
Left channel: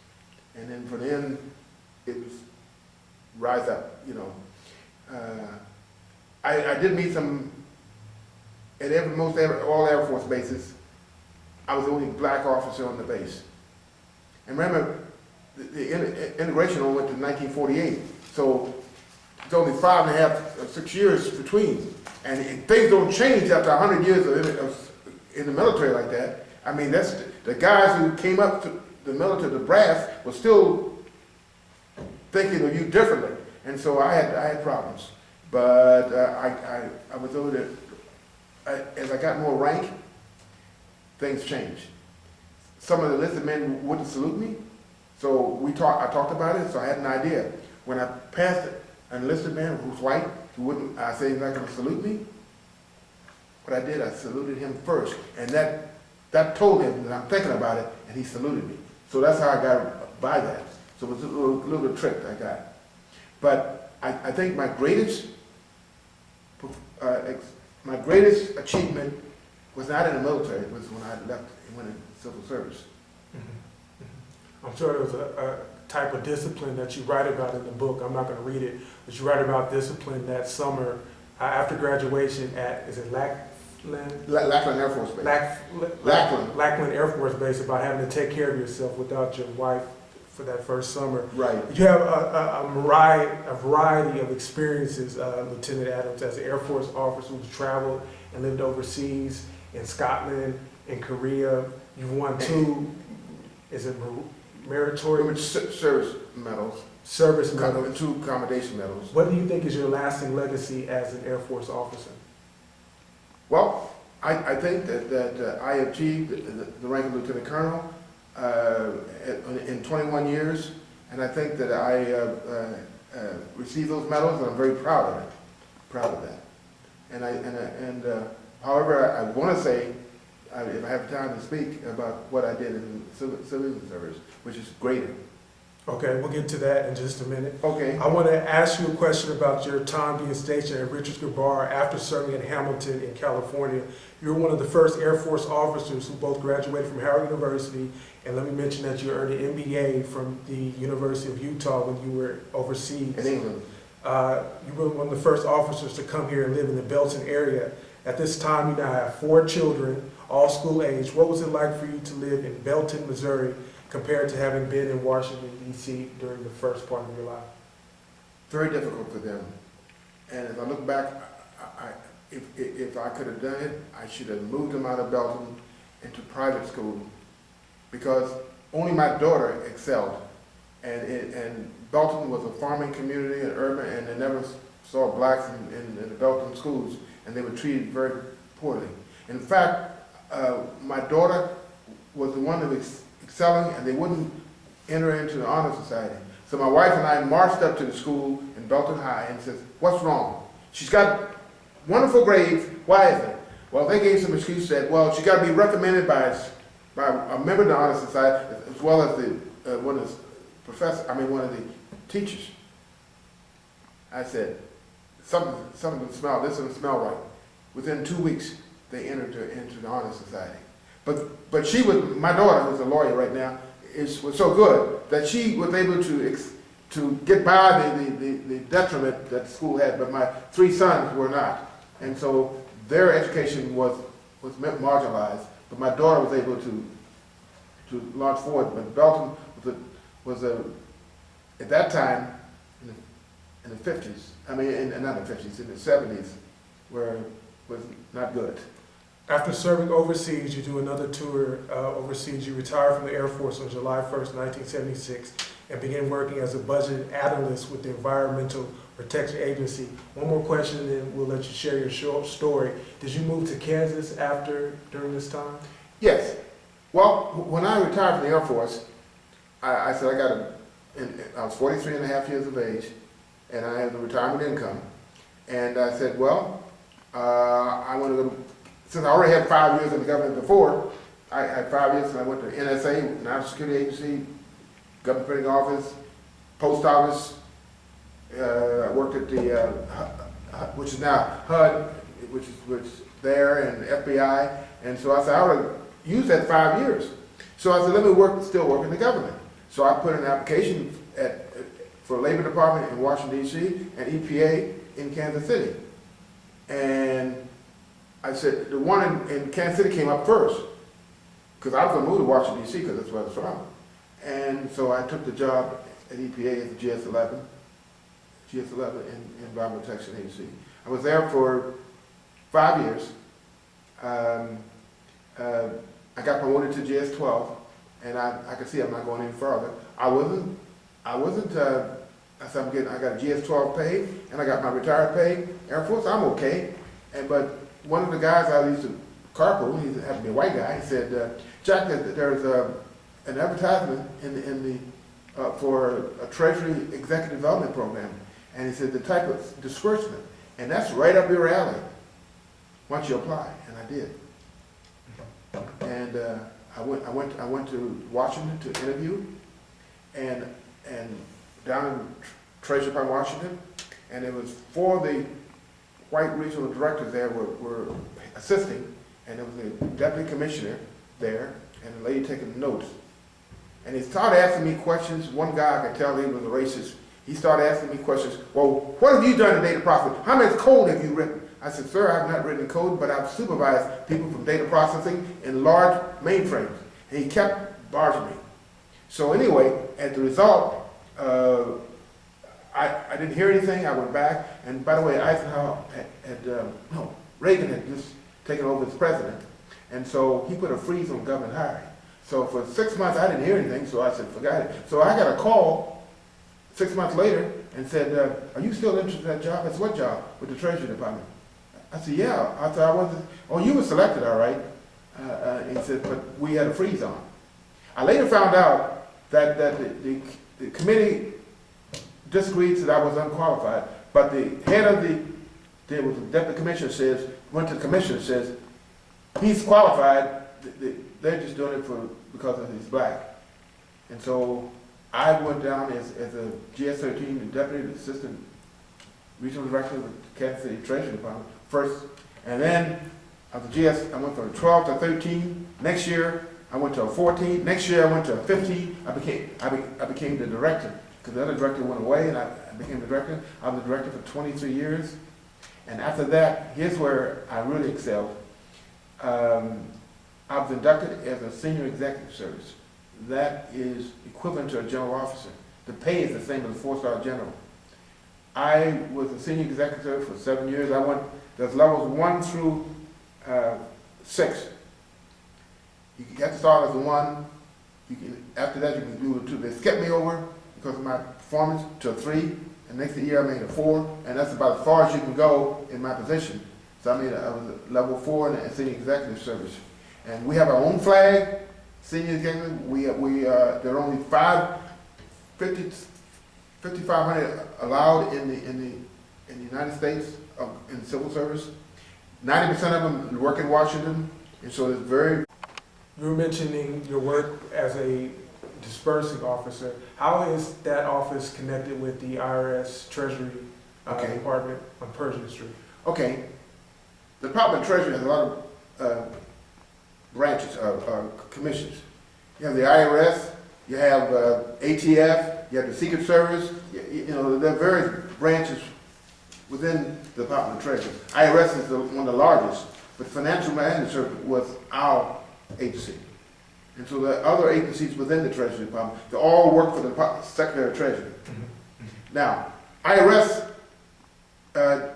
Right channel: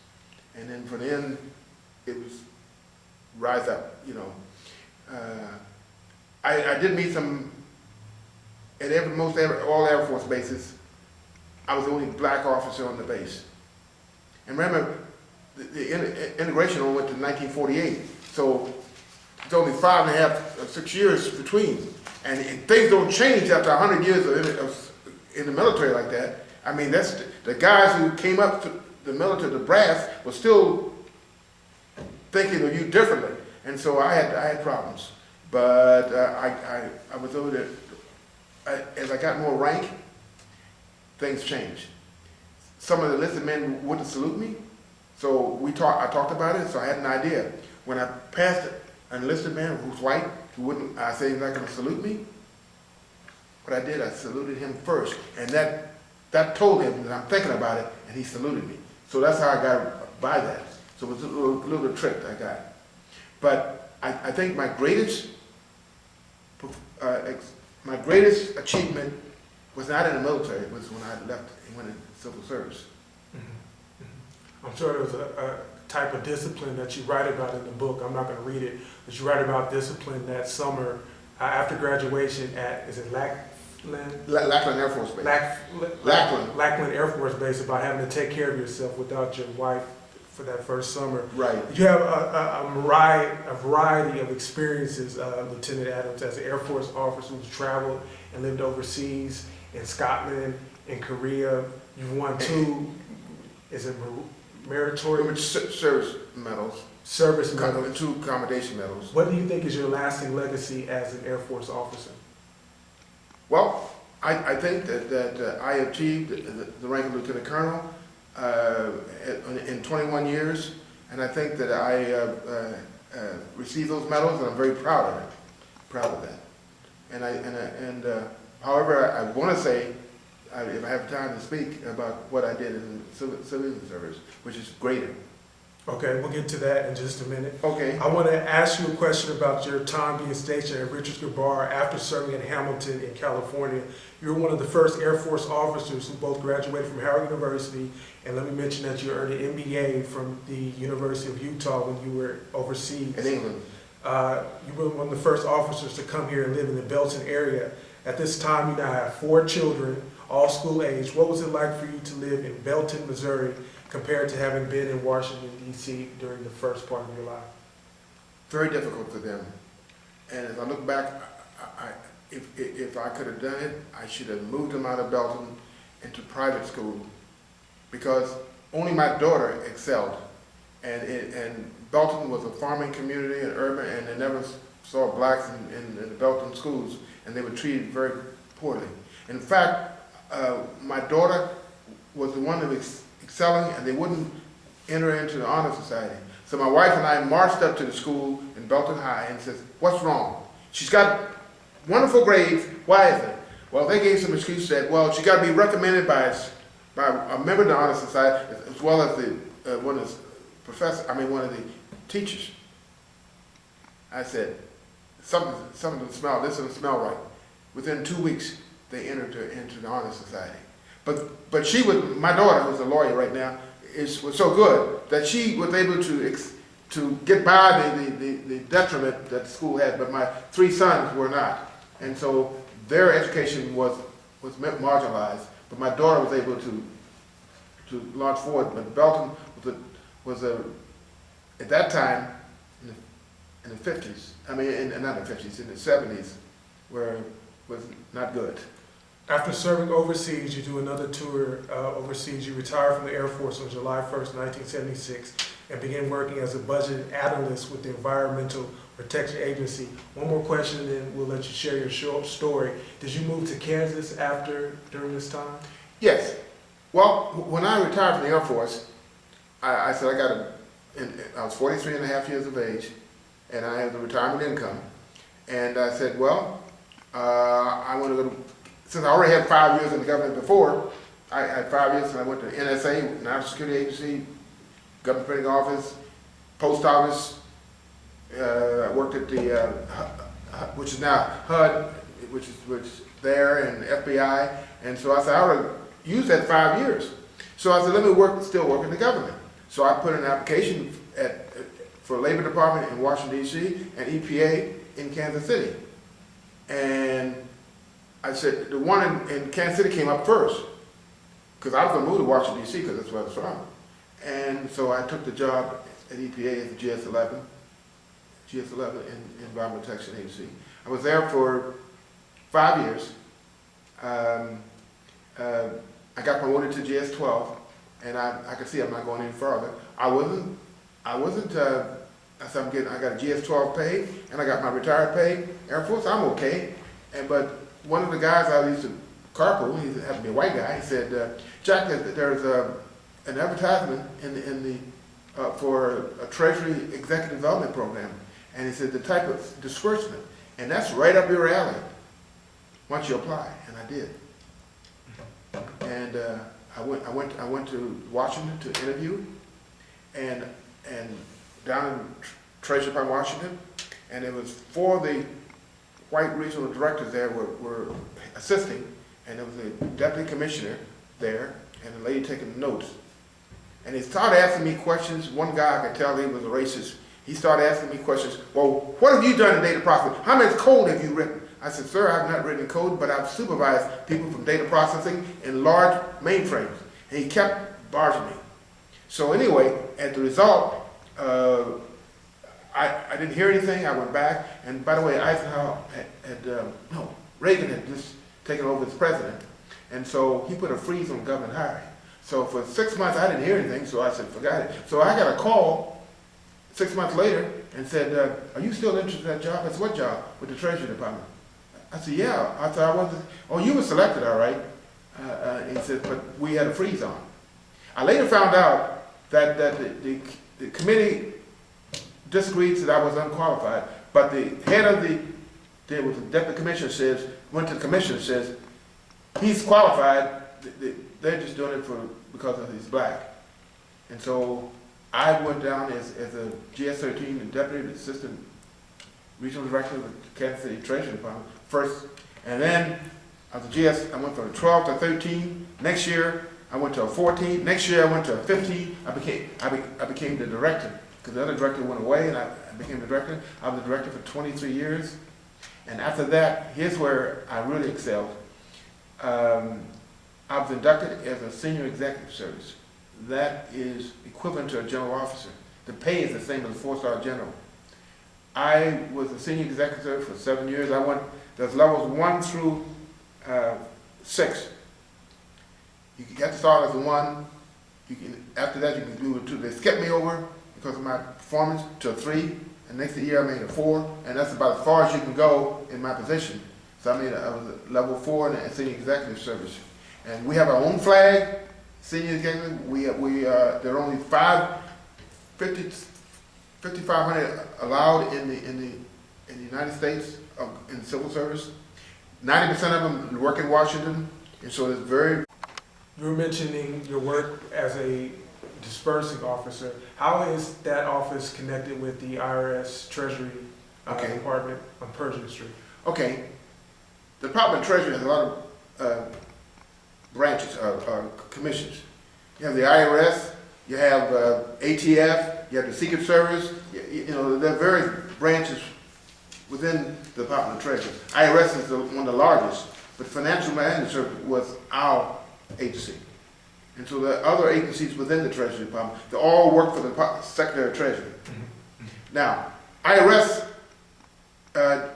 And then from then, it was rise up, I did meet some, at all Air Force bases, I was the only black officer on the base. And remember, the integration only went to 1948, so it's only 5.5 or 6 years between. And things don't change after 100 years in the military like that. I mean, that's the guys who came up to the military, the brass, were still thinking of you differently. And so I had problems. But I was over there, as I got more rank, things changed. Some of the enlisted men wouldn't salute me, so I talked about it, so I had an idea. When I passed an enlisted man who's white, who wouldn't, I say he's not gonna salute me. What I did, I saluted him first, and that told him that I'm thinking about it, and he saluted me. So that's how I got by that. So it was a little trick I got. But I think my greatest achievement was not in the military, it was when I left and went into civil service. I'm sure there was a type of discipline that you write about in the book. I'm not going to read it, but you write about discipline that summer after graduation at, is it Lackland Air Force Base. Lackland Air Force Base, about having to take care of yourself without your wife for that first summer. Right. You have a variety of experiences, Lieutenant Adams, as an Air Force officer who's traveled and lived overseas in Scotland, in Korea. You've won two, is it meritorious? Service medals. Service medals. And 2 accommodation medals. What do you think is your lasting legacy as an Air Force officer? Well, I think that I achieved the rank of Lieutenant Colonel in 21 years, and I think that I received those medals, and I'm very proud of it. Proud of that. However, I want to say, if I have time to speak about what I did in the civilian service, which is greater. Okay, we'll get to that in just a minute. Okay. I want to ask you a question about your time being stationed at Richards Bar after serving in Hamilton in California. You were one of the first Air Force officers who both graduated from Howard University, and let me mention that you earned an MBA from the University of Utah when you were overseas. In England. You were one of the first officers to come here and live in the Belton area. At this time, you now have 4 children, all school age. What was it like for you to live in Belton, Missouri, compared to having been in Washington, D.C. during the first part of your life? Very difficult for them. And as I look back, if I could have done it, I should have moved them out of Belton into private school, because only my daughter excelled. And Belton was a farming community and urban, and they never saw blacks in the Belton schools, and they were treated very poorly. In fact, my daughter was the one that was excelling, and they wouldn't enter into the honor society. So my wife and I marched up to the school in Belton High and said, "What's wrong? She's got wonderful grades. Why is it?" Well, they gave some excuse that, well, she got to be recommended by a member of the honor society, as well as one of the teachers. I said, something doesn't smell. This doesn't smell right. Within 2 weeks, they entered her into the honor society. But she was, my daughter, who's a lawyer right now, was so good that she was able to get by the detriment that the school had, but my 3 sons were not. And so their education was marginalized, but my daughter was able to launch forward. But Belton was at that time, in the 50s, not the 50s, in the 70s, was not good. After serving overseas, you do another tour overseas. You retire from the Air Force on July 1st, 1976, and begin working as a budget analyst with the Environmental Protection Agency. One more question, and then we'll let you share your short story. Did you move to Kansas during this time? Yes. Well, when I retired from the Air Force, I said I was 43 and a half years of age, and I had the retirement income. And I said, well, I want to go to, since I already had 5 years in the government before, I had 5 years, and I went to NSA, National Security Agency, Government Printing Office, Post Office. I worked at the, which is now HUD, which there, and FBI. And so I said, I ought to use that 5 years. So I said, let me still work in the government. So I put in an application for Labor Department in Washington, D.C., and EPA in Kansas City. And I said, the one in Kansas City came up first, because I was going to move to Washington, D.C., because that's where I was from. And so I took the job at EPA at the GS-11 in Environmental Protection Agency. I was there for 5 years. I got promoted to GS-12, and I could see I'm not going any further. I said, I got a GS-12 pay, and I got my retired pay. Air Force, I'm okay. But one of the guys I used to carpool, he happened to be a white guy, he said, Jack, there's an advertisement for a Treasury Executive Development Program. And he said, the type of disbursement, and that's right up your alley, once you apply, and I did. And I went to Washington to interview, and down in Treasury Department, Washington, and it was for the white regional directors there were assisting, and there was a deputy commissioner there, and a lady taking notes. And he started asking me questions. One guy, I could tell he was a racist. He started asking me questions. Well, what have you done in data processing? How much code have you written? I said, sir, I've not written code, but I've supervised people from data processing in large mainframes. And he kept barging me. So anyway, as a result, I didn't hear anything. I went back. And by the way, Eisenhower Reagan had just taken over as president. And so he put a freeze on government hiring. So for 6 months, I didn't hear anything, so I said, forgot it. So I got a call 6 months later and said, are you still interested in that job? I said, what job? With the Treasury Department. I said, yeah. I said, I wasn't. Oh, you were selected, all right. He said, but we had a freeze on. I later found out that the committee disagreed, said I was unqualified, but the head of there was a deputy commissioner went to the commissioner, says, he's qualified, they're just doing it because he's black. And so I went down as a GS-13, the deputy assistant regional director of the Kansas City Treasury Department first, and then as a GS, I went from 12 to 13. Next year, I went to a 14. Next year, I went to a 15. I became the director because the other director went away, and I became the director. I was the director for 23 years, and after that, here's where I really excelled. I was inducted as a senior executive service. That is equivalent to a general officer. The pay is the same as a 4-star general. I was a senior executive service for 7 years. There's levels 1 through 6. You have to start as a 1. After that, you can do a 2. They skipped me over because of my performance to a 3. And next year, I made a 4. And that's about as far as you can go in my position. So I was a level 4 in the senior executive service. And we have our own flag, senior executive. There are only 5,500 allowed in the United States in civil service. 90% of them work in Washington, and so it's very. You were mentioning your work as a dispersing officer. How is that office connected with the IRS Treasury Department on Pershing Street? Okay. The Department of Treasury has a lot of branches, commissions. You have the IRS, you have ATF, you have the Secret Service. You know, there are various branches within the Department of Treasury. IRS is one of the largest, but Financial Management Service was our agency. And so the other agencies within the Treasury Department, they all work for the Secretary of Treasury. Now, IRS had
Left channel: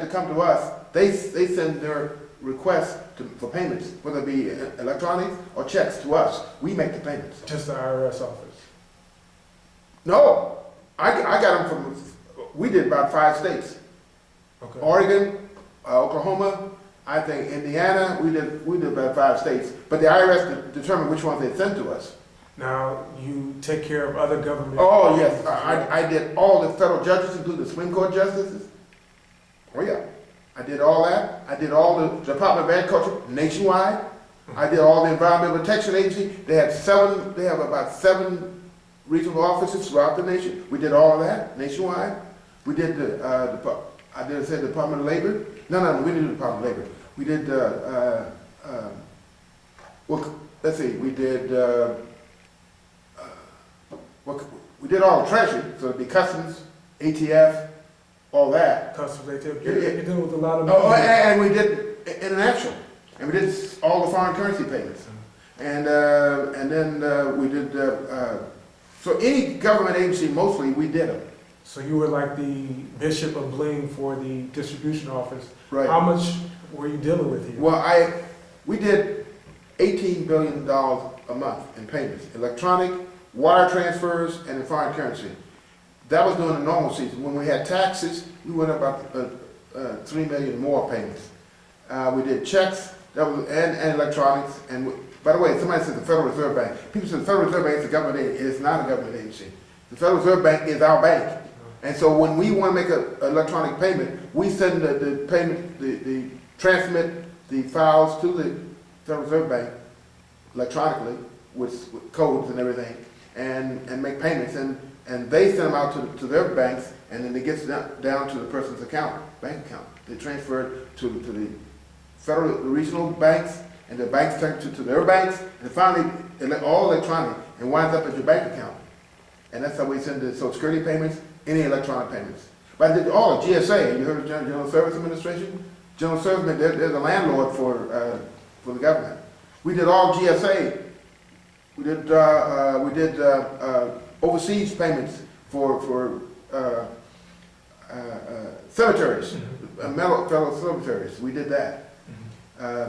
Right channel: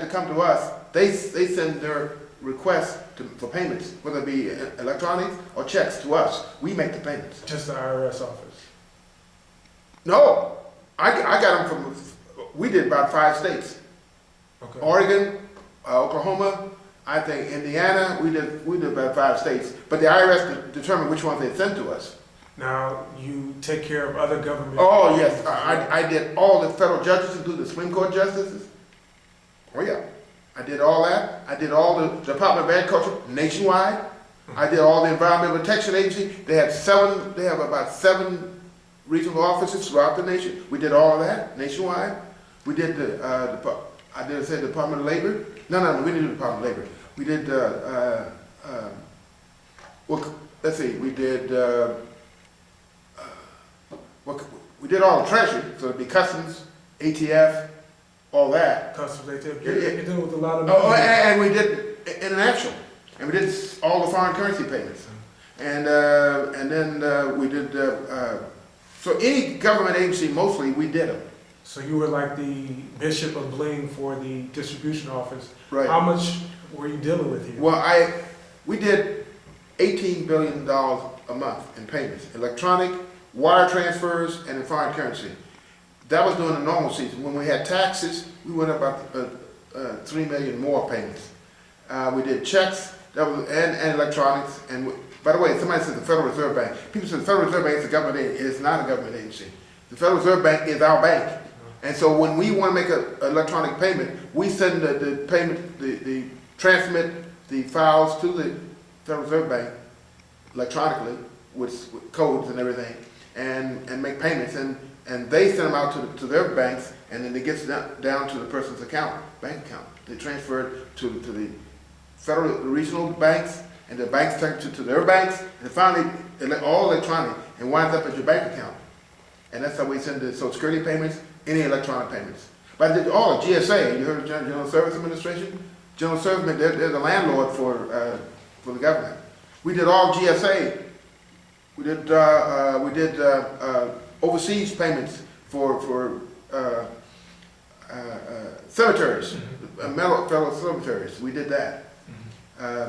to come to us. They send their requests for payments, whether it be electronics or checks to us. We make the payments. Just the IRS office? No, I got them from, we did about 5 states. Okay. Oregon, Oklahoma, I think Indiana, we did about 5 states. But the IRS determined which ones they sent to us. Now, you take care of other government... Oh, yes. I did all the federal judges, including the Supreme Court justices. Oh, yeah. I did all that. I did all the Department of Agriculture nationwide. I did all the Environmental Protection Agency. They have about 7 regional offices throughout the nation. We did all of that nationwide. We did the Department of Labor. No, we didn't do the Department of Labor. We did, let's see, we did all the Treasury, so it'd be Customs, ATF, all that. Customs, ATF. You're dealing with a lot of money. Oh, and we did international, and we did all the foreign currency payments, and then we did. So any government agency, mostly, we did them. So you were like the Bishop of Bling for the distribution office. Right. How much were you dealing with here? Well, we did $18 billion a month in payments, electronic, wire transfers, and in foreign currency. That was during the normal season. When we had taxes, we went about 3 million more payments. We did checks and electronics. And by the way, somebody said the Federal Reserve Bank. People said the Federal Reserve Bank is a government agency. It is not a government agency. The Federal Reserve Bank is our bank. And so when we want to make an electronic payment, we send the payment, the transmit the files to the Federal Reserve Bank electronically with codes and everything, and make payments, and they send them out to their banks, and then it gets down to the person's bank account. They transfer it to the federal, the regional banks, and the banks take it to their banks, and finally, all electronic, and winds up at your bank account. And that's how we send the Social Security payments, any electronic payments. But I did all of GSA, you heard of General Service Administration? General Service, they're the landlord for the government. We did all GSA. We did overseas payments for cemeteries, fellow cemeteries. We did that.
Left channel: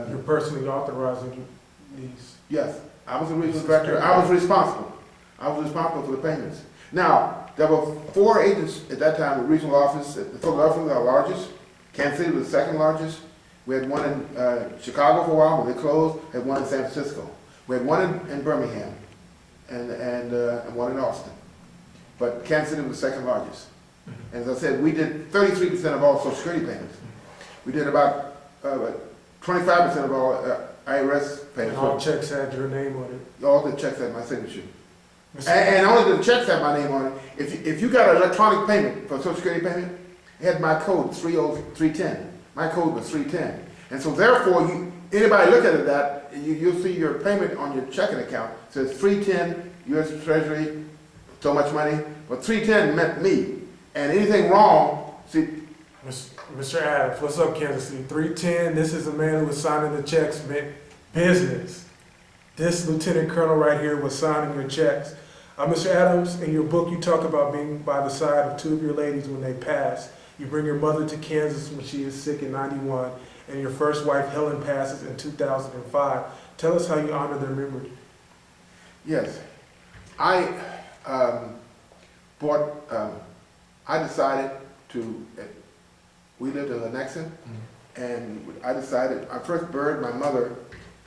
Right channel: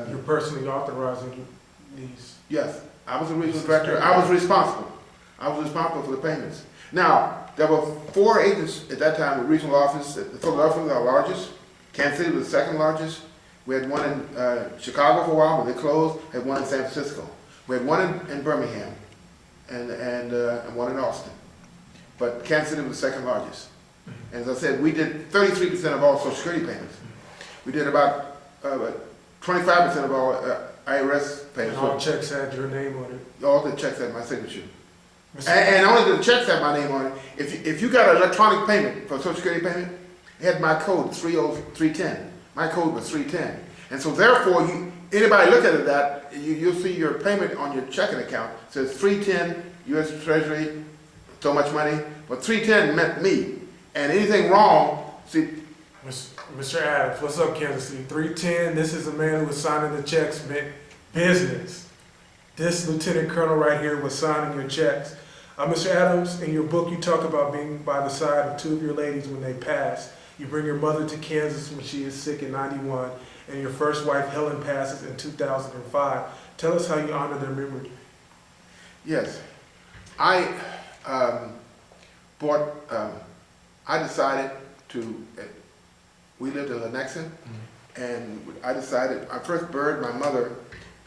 You're personally authorizing these? Yes, I was the regional director. I was responsible. I was responsible for the payments. Now, there were 4 agents at that time, the regional office. Philadelphia was our largest. Kansas City was the second largest. We had one in Chicago for a while, but they closed. We had one in San Francisco. We had one in Birmingham, and one in Austin. But Kansas City was the second largest. And as I said, we did 33% of all Social Security payments. We did about 25% of all IRS payments. And all checks had your name on it? All the checks had my signature. And only the checks had my name on it. If you got an electronic payment for a Social Security payment, it had my code 310. My code was 310. And so therefore, anybody look at that, you'll see your payment on your checking account. It says 310, U.S. Treasury, so much money. But 310 meant me. And anything wrong, see. Mr. Adams, what's up, Kansas City? 310, this is the man who was signing the checks, meant business. This lieutenant colonel right here was signing your checks. Mr. Adams, in your book, you talk about being by the side of 2 of your ladies when they passed. You bring your mother to Kansas when she is sick in '91, and your first wife, Helen, passes in 2005. Tell us how you honor their memory. Yes. I decided to, we lived in Lenexa, and I decided, I first buried my mother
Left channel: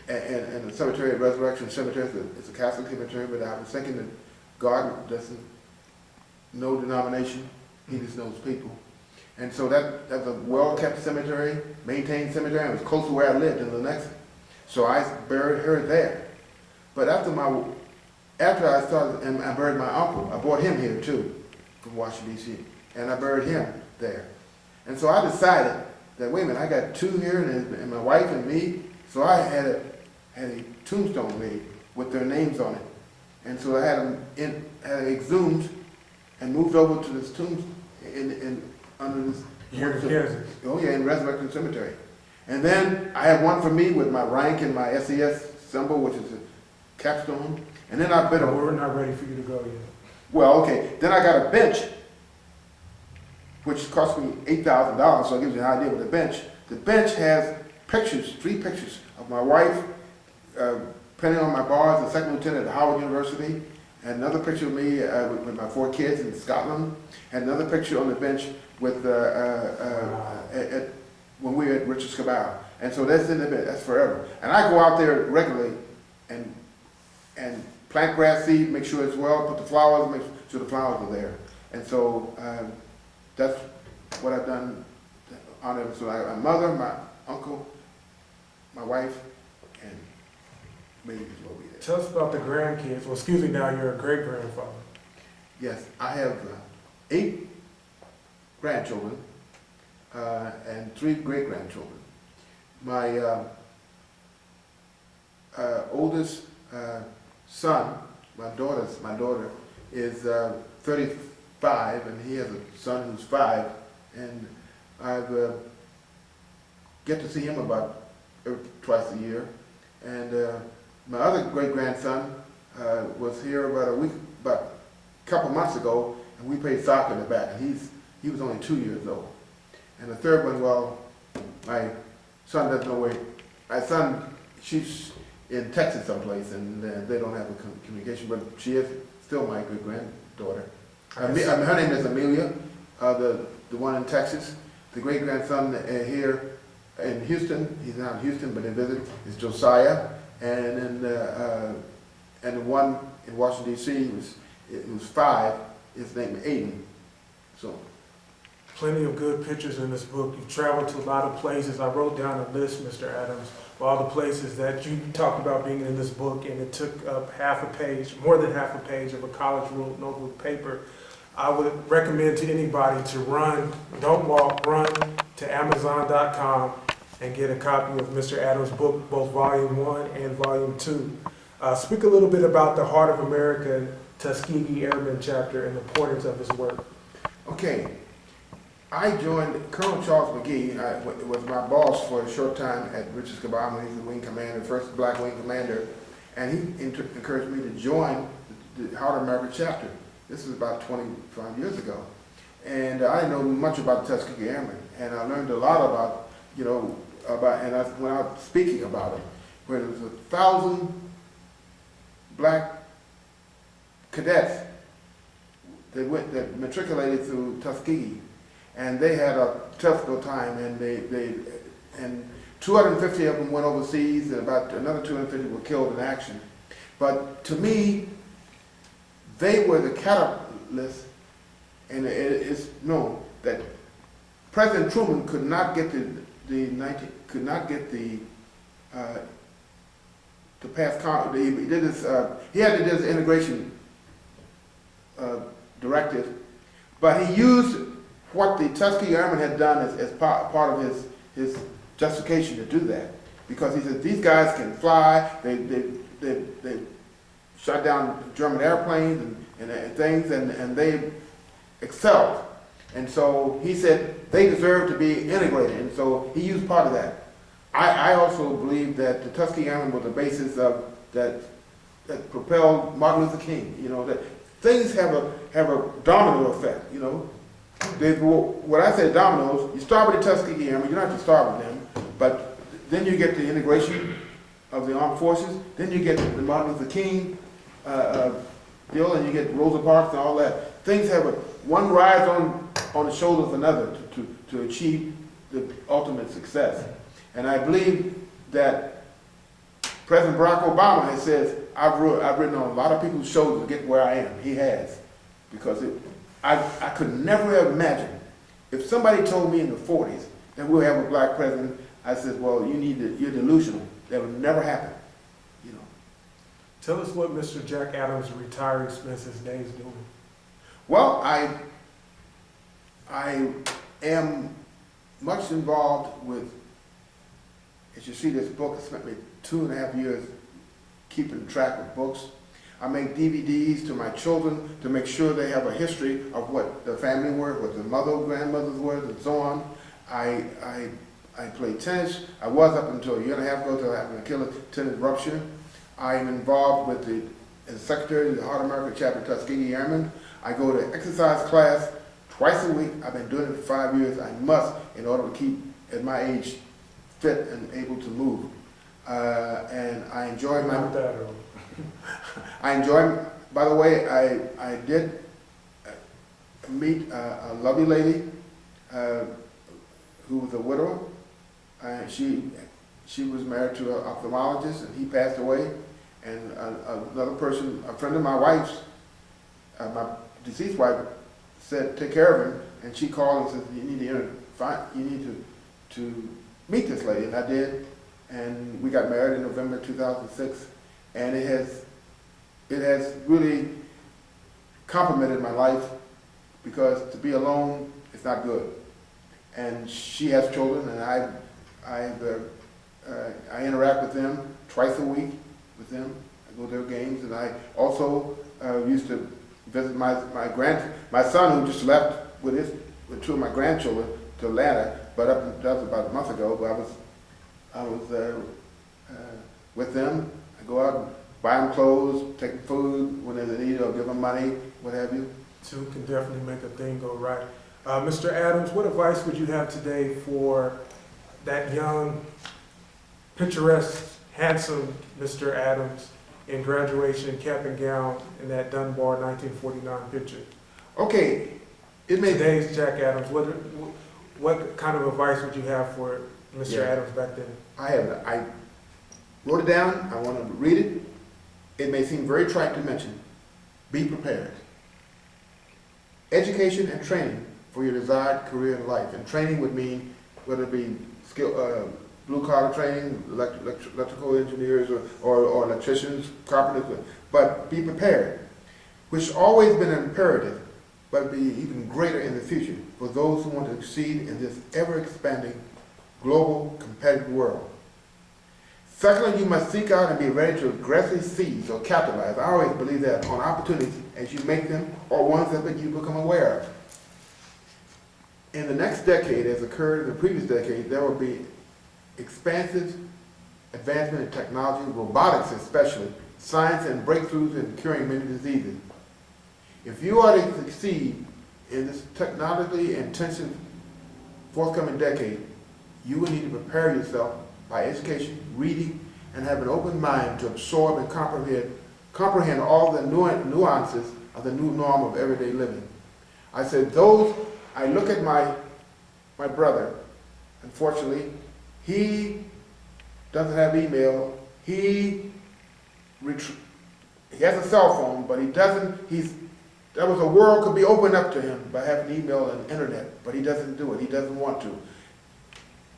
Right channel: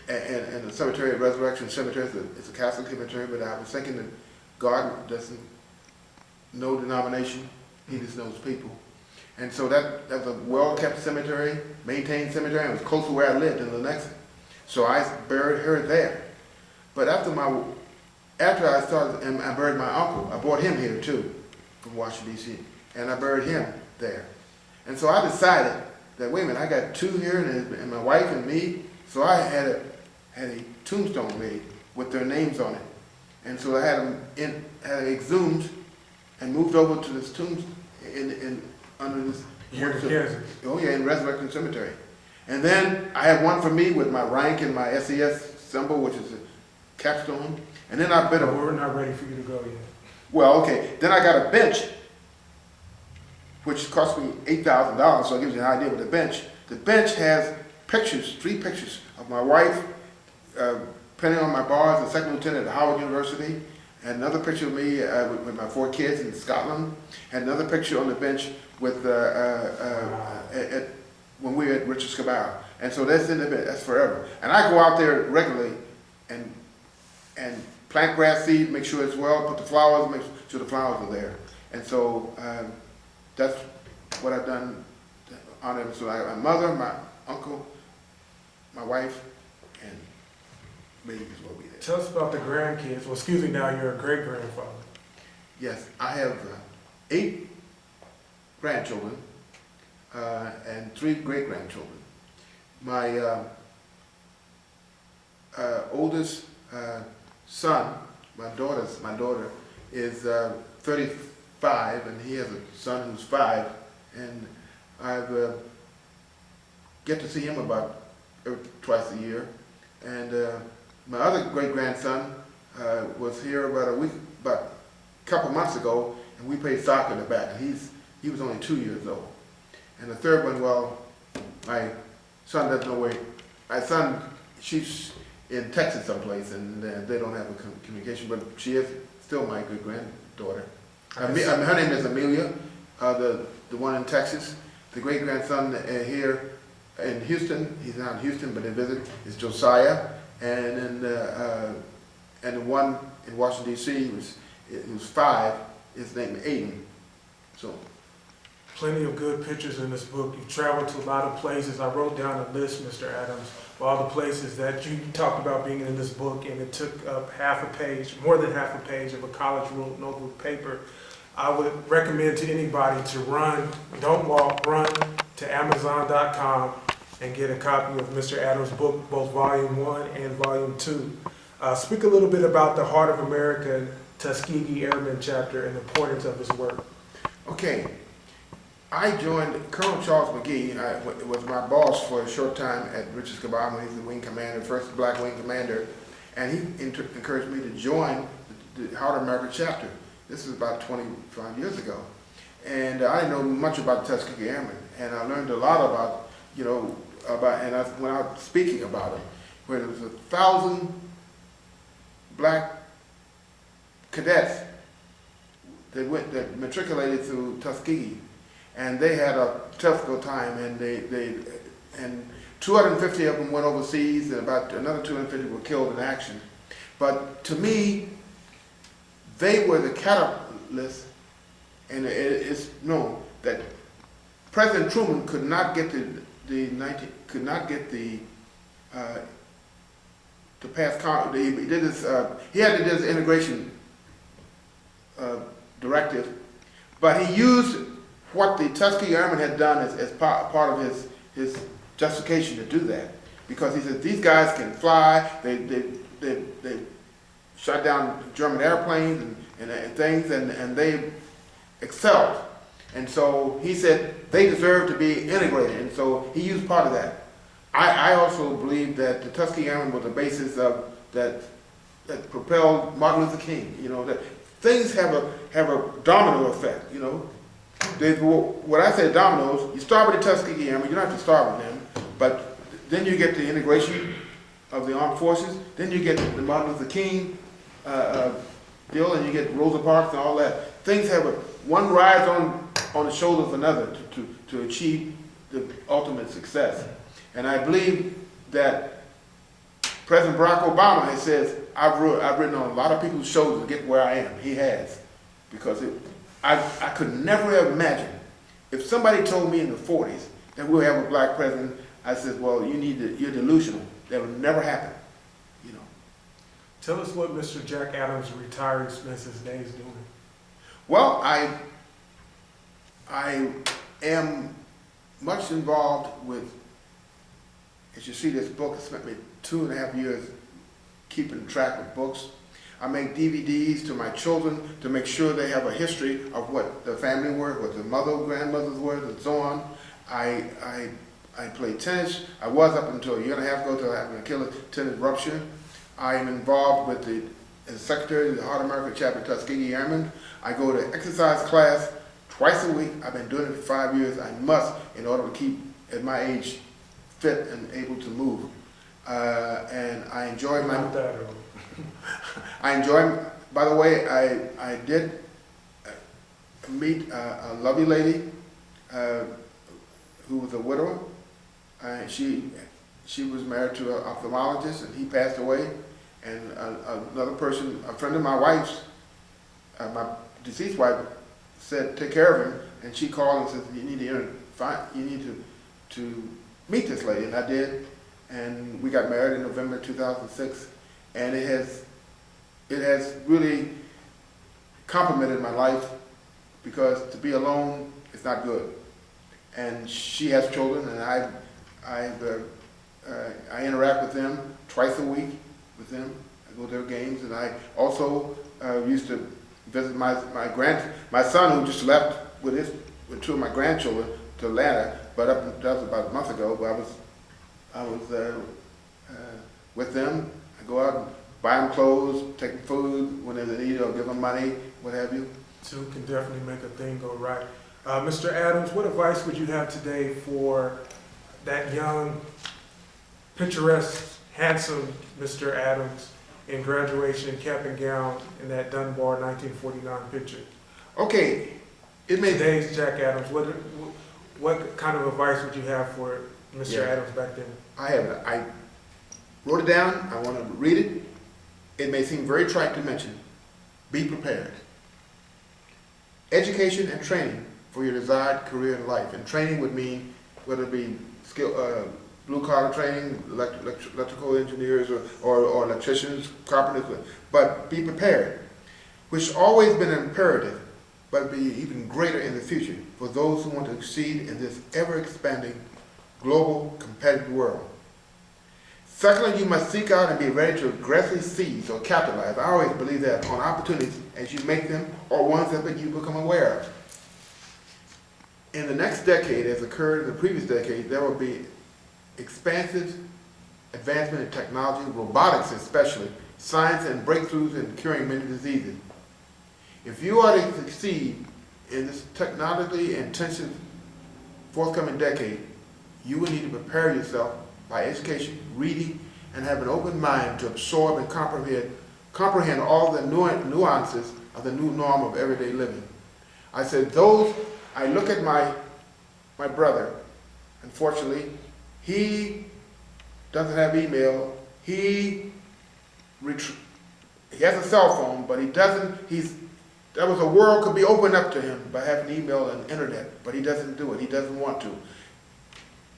in the cemetery at Resurrection Cemetery. It's a Catholic cemetery, but I was thinking that God doesn't know denomination, He just knows people. And so that was a well-kept cemetery, maintained cemetery, and it was close to where I lived in Lenexa. So I buried her there. But after I started, and I buried my uncle, I brought him here too, from Washington, D.C., and I buried him there. And so I decided that, wait a minute, I got 2 here, and my wife and me, so I had a tombstone made with their names on it. And so I had them exhumed and moved over to this tomb under this. Here in Kansas? Oh yeah, in Resurrection Cemetery. And then I had one for me with my rank and my SES symbol, which is a capstone. And then I No, we're not ready for you to go yet. well, okay. Then I got a bench, which cost me $8,000, so it gives you an idea with the bench. The bench has pictures, 3 pictures of my wife, printing on my bar as a second lieutenant at Howard University, and another picture of me with my 4 kids in Scotland, and another picture on the bench with when we were at Richard Scabao. And so that's in the bench, that's forever. And I go out there regularly and plant grass seed, make sure it's well, put the flowers, make sure the flowers are there. And so that's what I've done to honor them. So I got my mother, my uncle, my wife, and maybe as well be there. Tell us about the grandkids. Well, excuse me, now you're a great-grandfather. Yes, I have 8 grandchildren and 3 great-grandchildren. My oldest son, my daughter is 35, and he has a son who's 5, and I've get to see him about twice a year. And my other great-grandson was here about a couple months ago, and we played soccer in the back, and he was only 2 years old. And the third one, well, my son doesn't know where, my son, she's in Texas someplace, and they don't have a communication, but she is still my great-granddaughter. Her name is Amelia, the one in Texas. The great-grandson here in Houston, he's not in Houston, but they visit, is Josiah. And then the one in Washington, D.C., he was 5, is named Aiden. So, Plenty of good pictures in this book. You've traveled to a lot of places. I wrote down a list, Mr. Adams, of all the places that you talked about being in this book, and it took up half a page, more than half a page of a college notebook paper. I would recommend to anybody to run, don't walk, run to Amazon.com and get a copy of Mr. Adams' book, both Volume 1 and Volume 2. Speak a little bit about the Heart of America Tuskegee Airmen chapter and the importance of his work. okay. I joined Colonel Charles McGee, was my boss for a short time at Richards Kabam when he was the wing commander, first black wing commander, and he encouraged me to join the Heart of America chapter. This was about 25 years ago. And I didn't know much about the Tuskegee Airmen, and I learned a lot about, and I went out speaking about it, where there was 1,000 black cadets that matriculated through Tuskegee. And they had a tough time, and and 250 of them went overseas, and about another 250 were killed in action. But to me, they were the catalyst, and it's known that President Truman could not get to pass. He had to do this integration directive, but he used what the Tuskegee Airmen had done as part of his justification to do that, because he said these guys can fly. They shot down German airplanes and things, and they excelled. And so he said they deserve to be integrated, and so he used part of that. I also believe that the Tuskegee Airmen were the basis of that propelled Martin Luther King. That things have a domino effect. When I say dominoes, you start with the Tuskegee Airmen, you don't have to start with them, but then you get the integration of the armed forces, then you get the Martin Luther King deal, and you get Rosa Parks and all that. Things have one rides on the shoulders of another to achieve the ultimate success. And I believe that President Barack Obama has said, I've written on a lot of people's shoulders to get where I am. He has, because I could never have imagined, if somebody told me in the 40s that we'll have a black president, I said, well, you're delusional. That would never happen, Tell us what Mr. Jack Adams, retired, spends his days doing. Well, I am much involved with, as you see this book, I spent me 2.5 years keeping track of books. I make DVDs to my children to make sure they have a history of what the family were, what the mother, grandmothers were, and so on. I play tennis. I was up until a year and a half ago until I had an Achilles tendon rupture. I am involved with as secretary of the Heart of America chapter Tuskegee Airmen. I go to exercise class twice a week. I've been doing it for 5 years. I must, in order to keep, at my age, fit and able to move. And I enjoy my... Not that early. I enjoy, by the way, I did meet a lovely lady who was a widower. She was married to an ophthalmologist, and he passed away. And another person, a friend of my wife's, my deceased wife, said, take care of him. And she called and said, you need to meet this lady. And I did. And we got married in November 2006. And it has really complimented my life, because to be alone is not good. And she has children, and I interact with them twice a week with them. I go to their games, and I also used to visit my son, who just left with 2 of my grandchildren to Atlanta, but that was about a month ago. But I was with them. I go out and buy them clothes, take them food when they need it, or give them money, what have you. 2 can definitely make a thing go right. Mr. Adams, what advice would you have today for that young, picturesque, handsome Mr. Adams in graduation, cap and gown, in that Dunbar 1949 picture? Okay, today's Jack Adams. What kind of advice would you have for Mr. Adams back then? I wrote it down. I want to read it. It may seem very trite to mention. Be prepared. education and training for your desired career in life. And training would mean whether it be blue-collar training, electrical engineers or electricians, carpenters, but be prepared, which has always been imperative, but be even greater in the future for those who want to succeed in this ever-expanding global competitive world. Secondly, you must seek out and be ready to aggressively seize or capitalize. I always believe that on opportunities as you make them or ones that you become aware of. In the next decade, as occurred in the previous decade, there will be expansive advancement in technology, robotics especially, science and breakthroughs in curing many diseases. If you are to succeed in this technologically intensive forthcoming decade, you will need to prepare yourself by education, reading, and have an open mind to absorb and comprehend all the nuances of the new norm of everyday living. I said I look at my brother, unfortunately, he doesn't have email, he has a cell phone, but there was a world could be opened up to him by having email and internet, but he doesn't do it, he doesn't want to.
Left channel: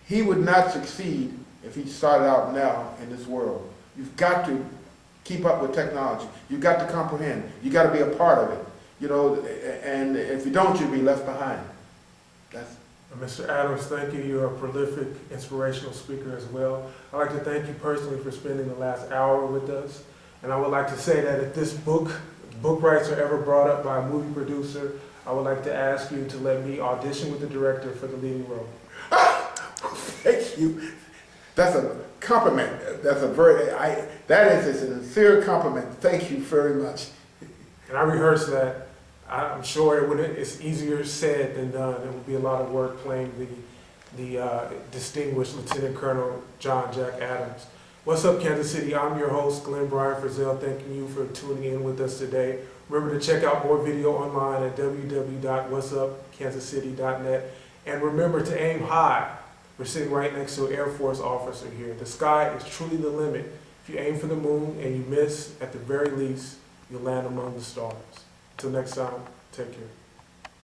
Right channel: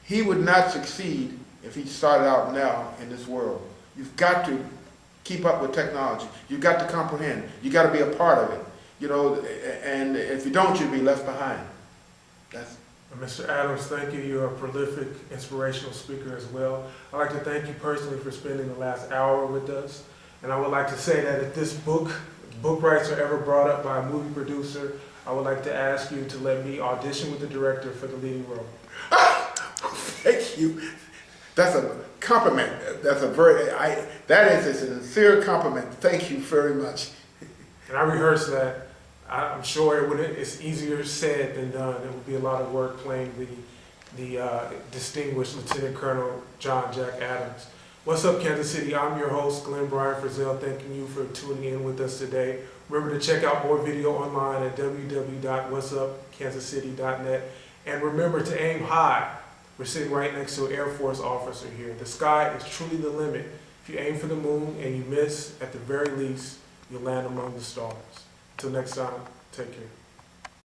He would not succeed if he started out now in this world. You've got to keep up with technology. You've got to comprehend. You've got to be a part of it. And if you don't, you'll be left behind. Mr. Adams, thank you. You're a prolific, inspirational speaker as well. I'd like to thank you personally for spending the last hour with us. And I would like to say that if this book rights are ever brought up by a movie producer, I would like to ask you to let me audition with the director for the leading role. Thank you. That's a compliment. That is a sincere compliment. Thank you very much. And I rehearsed that. I'm sure it's easier said than done. It would be a lot of work playing the distinguished Lieutenant Colonel John Jack Adams. What's up, Kansas City? I'm your host, Glenn Brian Frizzell, thanking you for tuning in with us today. Remember to check out more video online at www.whatsupkansascity.net. And remember to aim high. We're sitting right next to an Air Force officer here. The sky is truly the limit. If you aim for the moon and you miss, at the very least, you'll land among the stars. Until next time, take care.